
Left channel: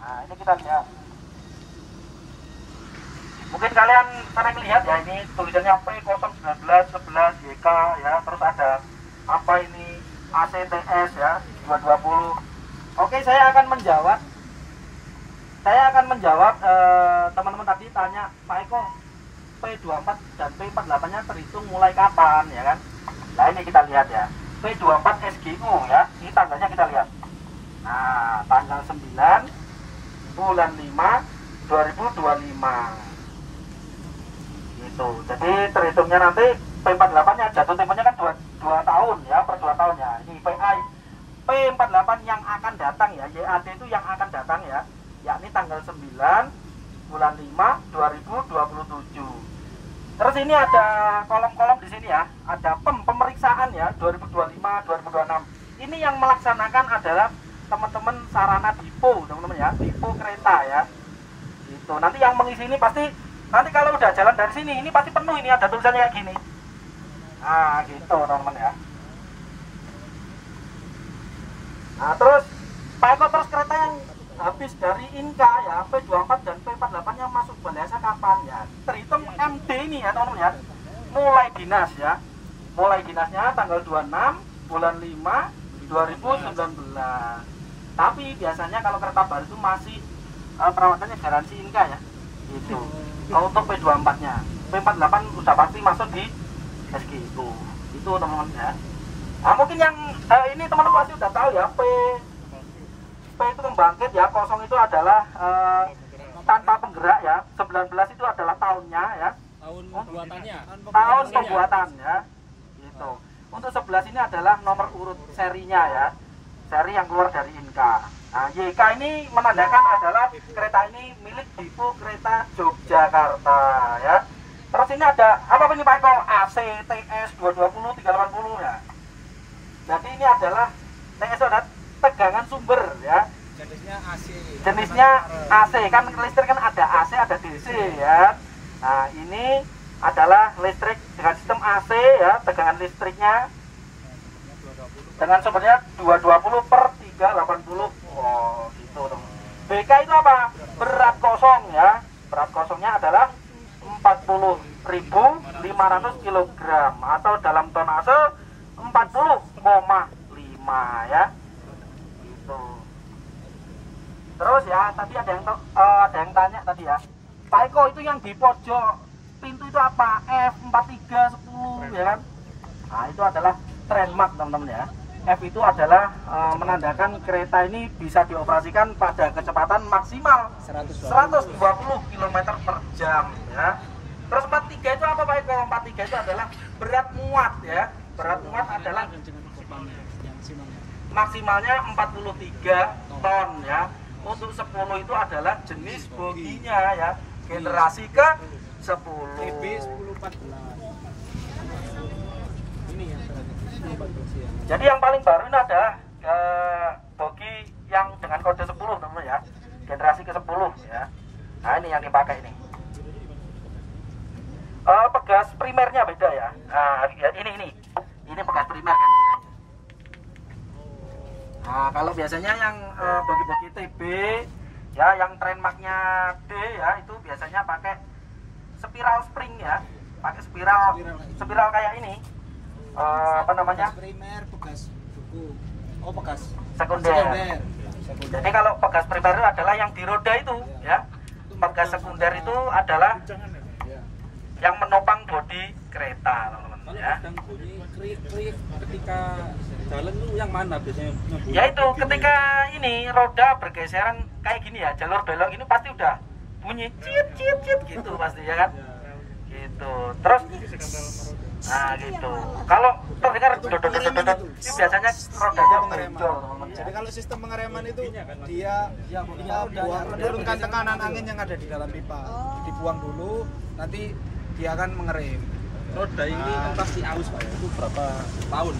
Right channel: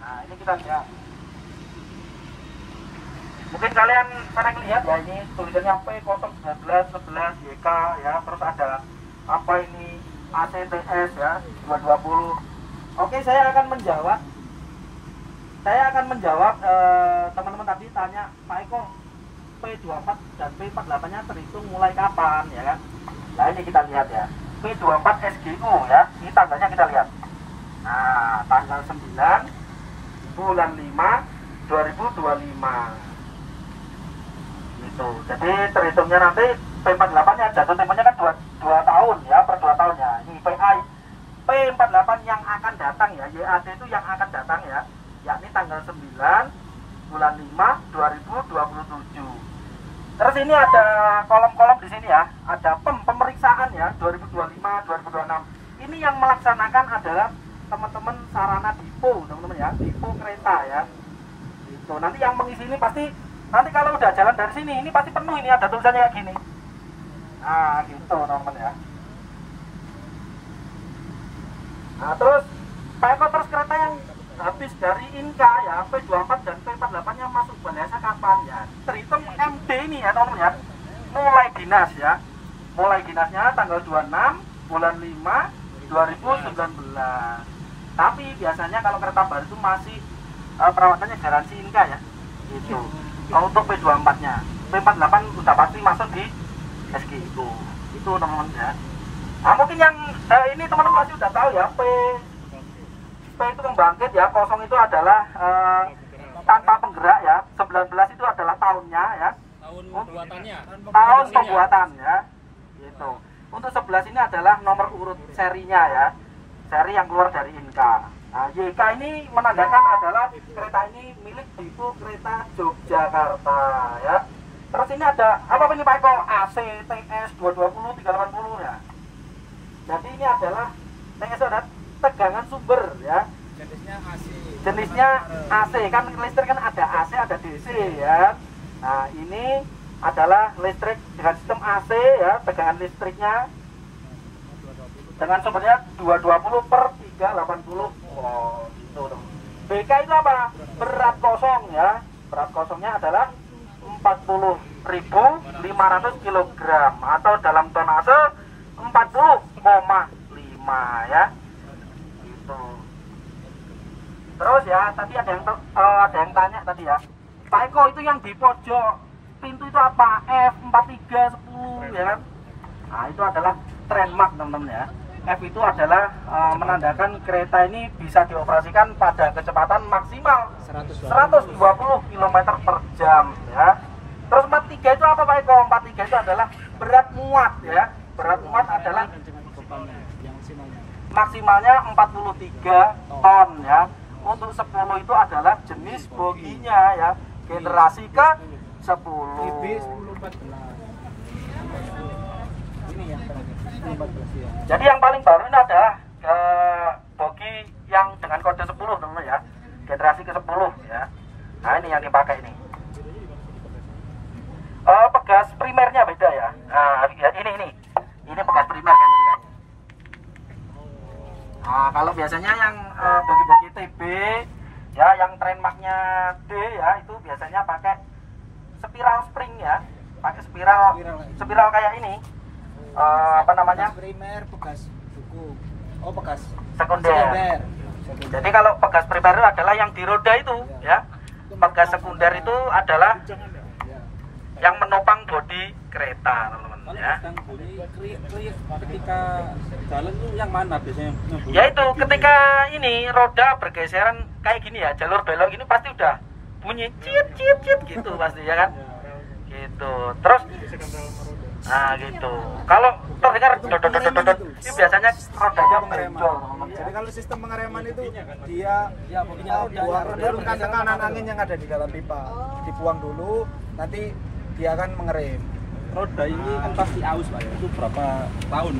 Nah ini kita lihat. Mungkin kalian sering lihat ya, ini tulisannya P01911 YK ya. Terus ada apa ini ACTS ya 220. Oke, saya akan menjawab. Teman-teman tadi tanya, Pak Eko, P24 dan P48 nya terhitung mulai kapan ya kan? Nah ini kita lihat ya, P24 SGU ya, ini tanggalnya kita lihat. Nah tanggal 9 bulan 5 2025 gitu. Jadi terhitungnya nanti P48 nya jatuh temponya kan 2 tahun ya, per 2 tahun ya. Ini P48 yang akan datang ya, YAD itu yang akan datang ya, yakni tanggal 9 bulan 5 2027. Terus ini ada kolom-kolom di sini ya, ada pemeriksaan ya 2025, 2026. Ini yang melaksanakan adalah teman-teman sarana dipo, teman-teman ya, dipo kereta ya. Itu nanti yang mengisi ini pasti nanti kalau udah jalan dari sini ini pasti penuh, ini ada tulisannya kayak gini. Nah, gitu teman-teman ya. Nah, terus Pak Eko, terus kereta yang habis dari Inka ya, P24 dan P48 nya masuk Balai Asa kapan ya? Terhitung MD ini ya teman-teman ya. Mulai dinas ya. Mulai dinasnya tanggal 26 bulan 5 2019. Tapi biasanya kalau kereta baru itu masih perawatannya garansi Inka ya. Gitu. Untuk P24 nya. P48 udah pasti masuk di SGU. Itu teman-teman ya. Nah, mungkin yang ini teman-teman pasti udah tahu ya, P itu pembangkit ya, 0 itu adalah tanpa penggerak ya, 19 itu adalah tahunnya ya, tahun pembuatan ya, gitu. Untuk 11 ini adalah nomor urut serinya ya, seri yang keluar dari Inka. Nah, YK ini menandakan adalah kereta ini milik Dipo Kereta Yogyakarta ya. Terus ini ada apa ini Pak Eko? ACTS 220 380 ya. Jadi ini adalah TS ada tegangan sumber ya. Jenisnya AC kan, listrik kan ada AC ada DC ya. Nah ini adalah listrik dengan sistem AC ya, tegangan listriknya dengan sumbernya 220 per 380. Oh gitu dong. BK itu apa? Berat kosong ya. Berat kosongnya adalah 40.500 kg atau dalam tonase 40,5 ya. Gitu. Terus ya, tadi ada yang tanya tadi ya, Pak Eko itu yang di pojok pintu itu apa? F4310 ya kan? Nah itu adalah trademark teman-teman ya. F itu adalah menandakan kereta ini bisa dioperasikan pada kecepatan maksimal 120 km per jam ya. Terus 43 itu apa Pak Eko? 43 itu adalah berat muat ya. Berat muat adalah maksimalnya 43 ton ya. Untuk 10 itu adalah jenis boginya ya, generasi ke 10. Jadi yang paling baru ini adalah bogi yang dengan kode 10 dulu ya, generasi ke-10 ya. Nah ini yang dipakai ini. Pegas primernya beda ya. Nah ini pegas primer kan ini kan. Nah kalau biasanya yang bogi-bogi TB ya, yang trademarknya D ya, itu biasanya pakai spiral spring ya, pakai spiral kayak ini. Apa namanya? Primer, bekas buku. Oh, bekas Sekunder. Jadi kalau pegas primer itu adalah yang di roda itu ya. Pegas sekunder itu adalah yang menopang bodi kereta, teman-teman ya. Ketika jalan itu yang mana biasanya? Yaitu ketika ini roda bergeseran kayak gini ya, jalur belok ini pasti udah bunyi cip gitu pasti ya kan. Gitu. Terus nah gitu. Kalau terdengar dodot biasanya rodanya pengereman. Jadi kalau sistem pengereman itu dia menurunkan tekanan angin yang ada di dalam pipa, dibuang dulu, nanti dia akan mengerem. Roda ini kan pasti aus Pak, itu berapa tahun?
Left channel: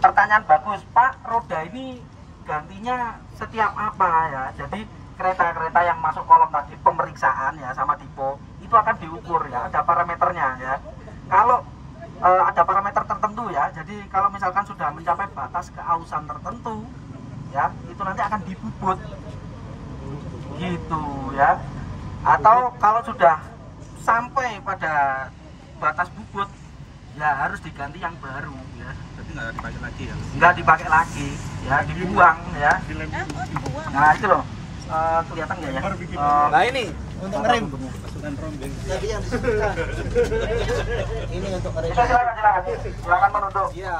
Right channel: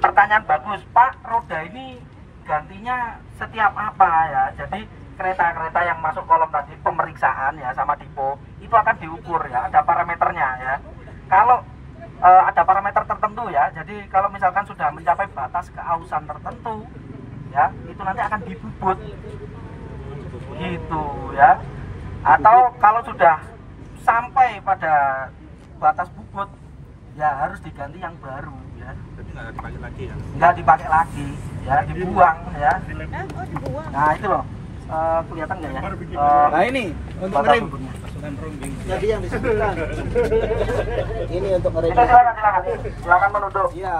Pertanyaan bagus Pak. Roda ini gantinya setiap apa ya? Jadi kereta-kereta yang masuk kolom tadi pemeriksaan ya sama Dipo itu akan diukur ya, ada parameternya ya. Kalau ada parameter tertentu ya, jadi kalau misalkan sudah mencapai batas keausan tertentu ya, itu nanti akan dibubut gitu ya. Atau kalau sudah sampai pada batas bubut ya harus diganti yang baru ya. Nggak dipakai lagi ya, dibuang ya. Nah itu loh, kelihatan nggak ya? Nah ini untuk ngerem. Jadi yang disebutkan ini untuk ngerem. Silakan menunduk. Iya.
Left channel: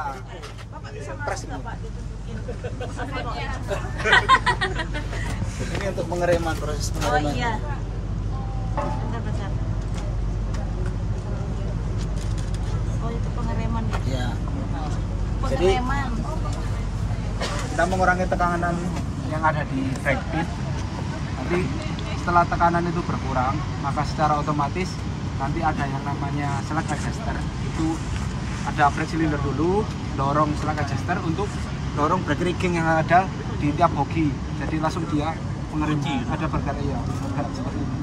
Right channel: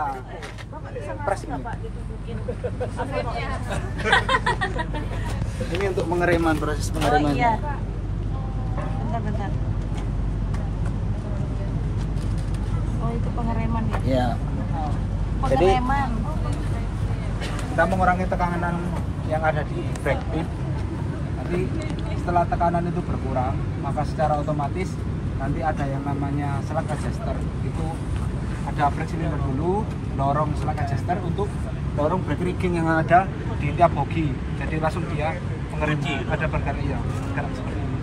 Pres ini. Ini untuk pengereman, proses pengereman. Oh iya. Bentar. Oh itu pengereman ya? Iya. Pengereman. Kita mengurangi tekanan yang ada di brake pit. Nanti setelah tekanan itu berkurang, maka secara otomatis nanti ada yang namanya slack adjuster. Itu ada brake cylinder dulu, dorong slack adjuster untuk dorong brake rigging yang ada di tiap bogi. Jadi langsung dia mengerem, ada bergerak seperti ini.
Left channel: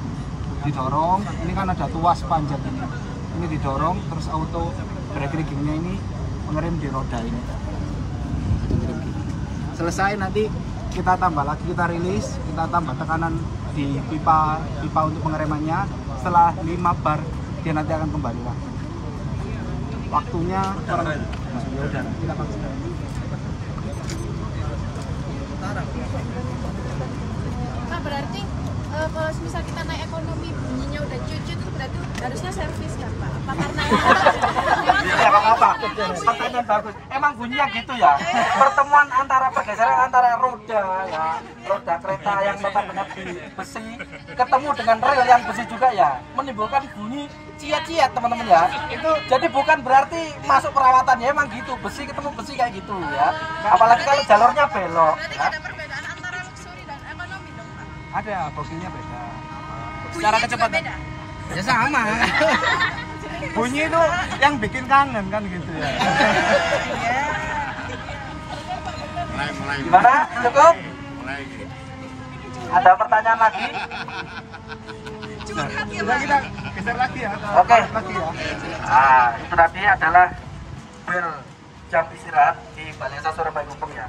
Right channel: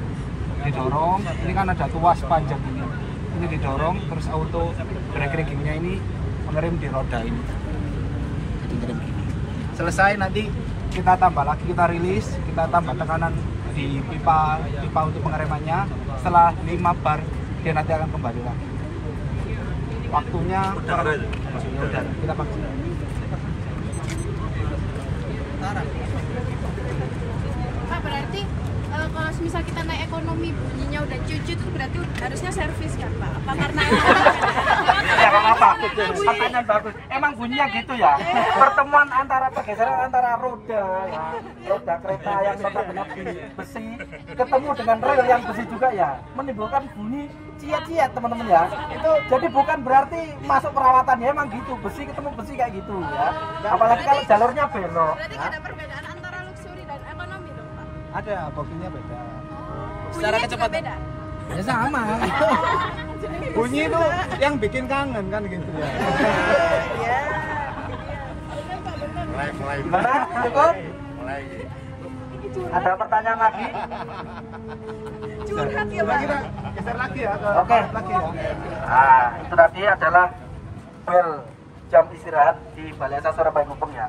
Didorong, ini kan ada tuas panjang ini. Ini didorong, terus auto brake riggingnya ini mengerem di roda ini. Jadi ngerem gini. Selesai nanti kita tambah lagi, kita rilis, kita tambah tekanan di pipa untuk pengeremannya. Setelah 5 bar dia nanti akan kembali lagi. Waktunya kita pakai. Berarti kalau misal kita naik ekonomi bunyinya udah cucu itu berarti harusnya servis kan Pak? Apa karena Ya apa? Pertanyaan bagus. Emang bunyinya gitu ya? Pertemuan antara pergeseran antara roda ya, roda kereta yang benar-benar di besi ketemu dengan rel yang besi juga ya, menimbulkan bunyi ciat-ciat teman-teman ya. Itu jadi bukan berarti masuk perawatan ya, emang gitu, besi ketemu besi kayak gitu ya. Apalagi kalau jalurnya belok. berarti Ya. ada perbedaan antara luxury dan ekonomi dong Pak? Ada boginya beda. Secara kecepatan? Ya sama. Bunyi itu yang bikin kangen kan gitu ya. Gimana? Cukup? Ada pertanyaan lagi? Curhat ya Sudah Pak? kita geser lagi ya. Oke. Lagi ya. Nah, itu tadi adalah bel jam istirahat di Balai Desa Surabaya Gubeng ya.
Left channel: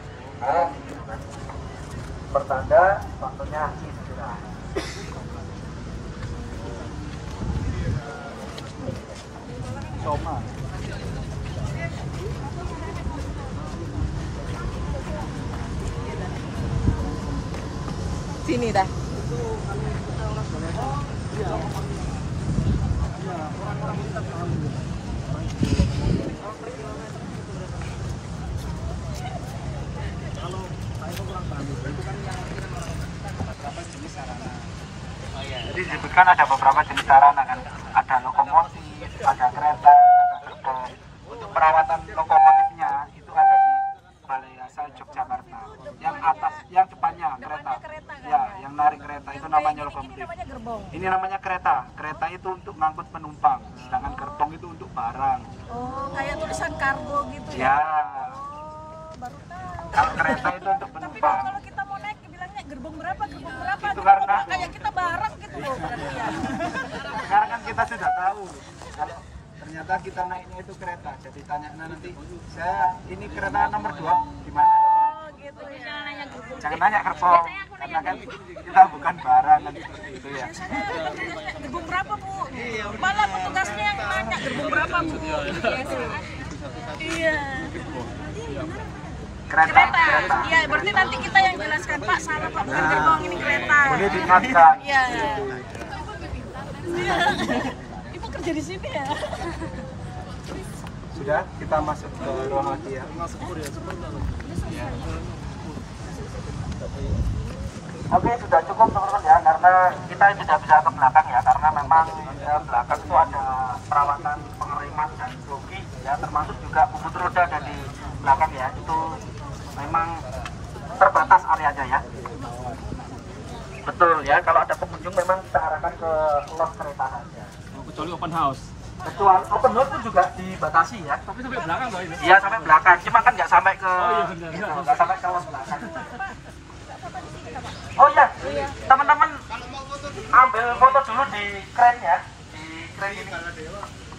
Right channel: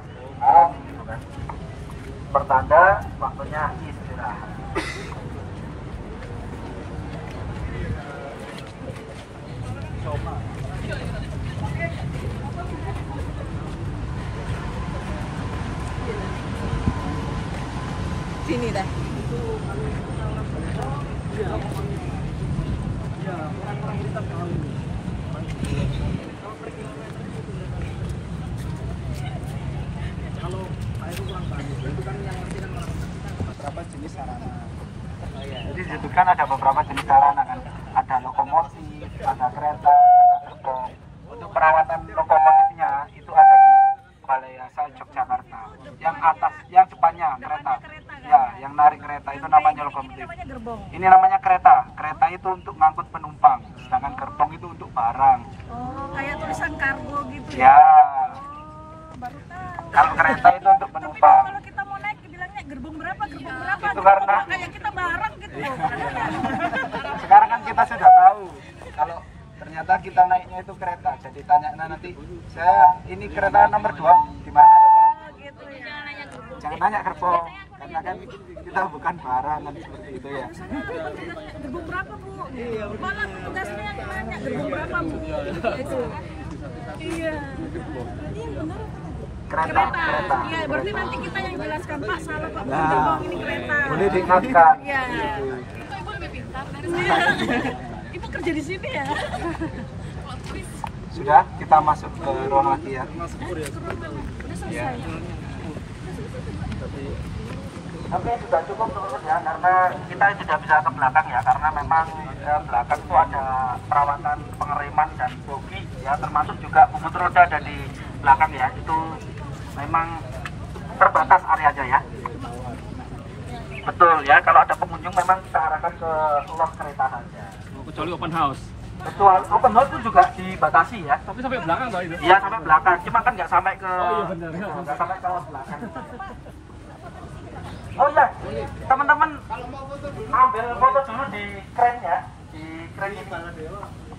Pertanda waktunya istirahat. Sini dah. Berapa jenis sarana? Oh iya. Jadi disebutkan ada beberapa jenis sarana kan. Ada lokomotif, ada kereta, ada gerbong. Untuk perawatan lokomotifnya itu ada di Balai Asal Yogyakarta. Yang atas, yang depannya kereta. Ya, yang narik kereta itu namanya lokomotif. Gerbong. Ini namanya kereta. Kereta itu untuk ngangkut penumpang, sedangkan gerbong itu untuk barang. Oh, kayak tulisan kargo gitu. Ya. Baru tahu. Kalau kereta itu untuk penumpang. Kalau kita mau naik bilangnya gerbong berapa? Itu karena Kayak kita bareng gitu loh. sekarang kan kita sudah tahu kalau ternyata kita naiknya itu kereta. Jadi tanya nanti, saya ini kereta nomor 2 di mana ya Pak? Jangan nanya gerbong, karena kan kita bukan barang kan seperti itu ya. Gerbong berapa Bu? Malah petugasnya yang nanya gerbong berapa Bu? Iya. Kereta. Iya, berarti nanti kita yang jelaskan Pak salah Pak bukan gerbong ini kereta. Boleh diingatkan. Iya. Ibu lebih pintar dari Ibu kerja di sini ya? Sudah, kita masuk ke ruang lagi ya. Ya. Oke, sudah cukup teman-teman ya, karena kita tidak bisa ke belakang ya, karena memang belakang itu ada perawatan pengereman dan bogi ya, termasuk juga bumbu roda ada di belakang ya, itu memang terbatas areanya ya. Betul ya, kalau ada pengunjung memang kita arahkan ke lot kereta saja. Kecuali open house. Betul, open house pun juga dibatasi ya. Tapi sampai belakang loh itu. Iya, sampai belakang, cuma kan nggak sampai ke Oh iya benar. nggak sampai ke lot belakang. Oh iya, teman-teman ambil foto dulu di kren ya, di kren ini,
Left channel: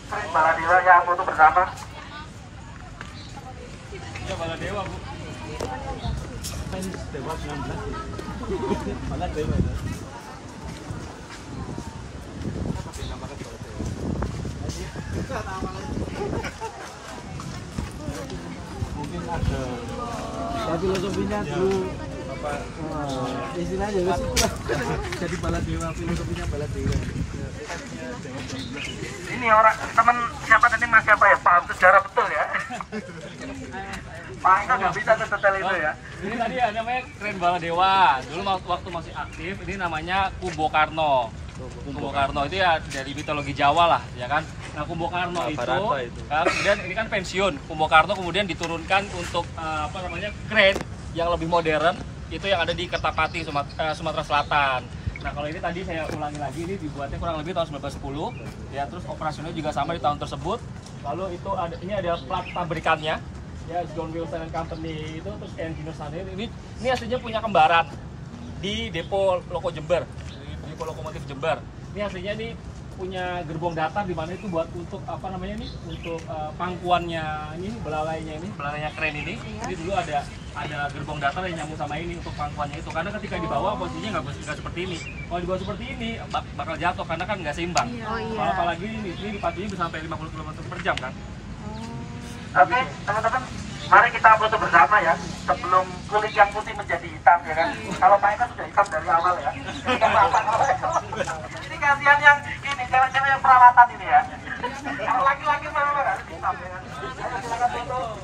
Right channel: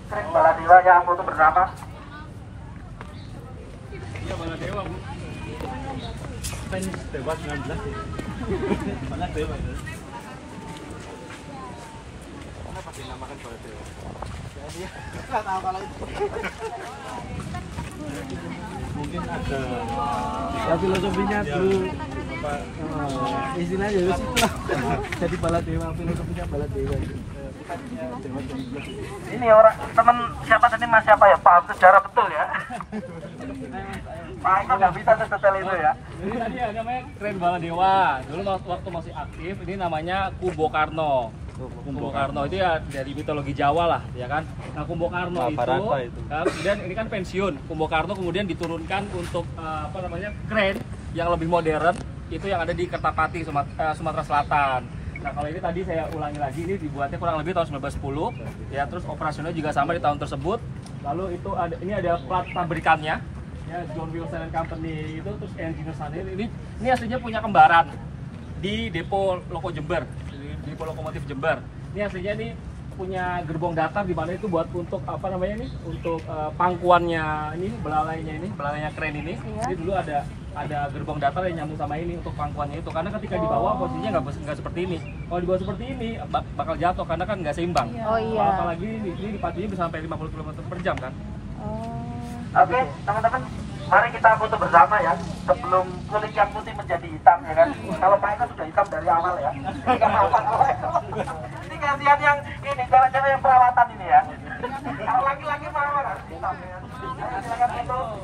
kren Baladewa yang foto bersama. Baladewa Bu. Fans Dewa 19. Baladewa itu. Mungkin ada ya filosofinya dulu istilahnya dari situ lah. Jadi Baladewa, filosofinya Baladewa. Ini orang teman siapa tadi mas siapa ya, paham sejarah betul ya. Pak itu nggak bisa setel itu ya. Ini tadi ya namanya Kren Baladewa. Dulu waktu masih aktif ini namanya Kumbokarno. Kumbokarno itu ya dari mitologi Jawa lah, ya kan. Nah Kumbokarno itu, kemudian ini kan pensiun. Kumbokarno kemudian diturunkan untuk kren yang lebih modern, itu yang ada di Kertapati, Sumatera Selatan. Nah kalau ini tadi saya ulangi lagi, ini dibuatnya kurang lebih tahun 1910, ya terus operasionalnya juga sama di tahun tersebut. Lalu itu ini ada plat pabrikannya, ya John Wilson and Company itu, terus Engineers ini aslinya punya kembaran di depo Loko Jember, di depo lokomotif Jember. Ini aslinya ini punya gerbong datar di mana itu buat untuk untuk pangkuannya ini, belalainya kren ini. Ini dulu ada gerbong datar yang nyambung sama ini untuk pangkuannya itu, karena ketika di bawah posisinya nggak seperti ini. Kalau di bawah seperti ini bakal jatuh karena kan nggak seimbang. Apalagi ini dipacunya bisa sampai 50 km per jam kan. Oke, teman-teman, mari kita foto bersama ya, sebelum kulit yang putih menjadi hitam ya kan. Kalau Pak Eko sudah hitam dari awal ya. Ini kasihan yang ini, cewek-cewek yang perawatan ini ya. Kalau laki-laki memang harus hitam ya. Silakan foto.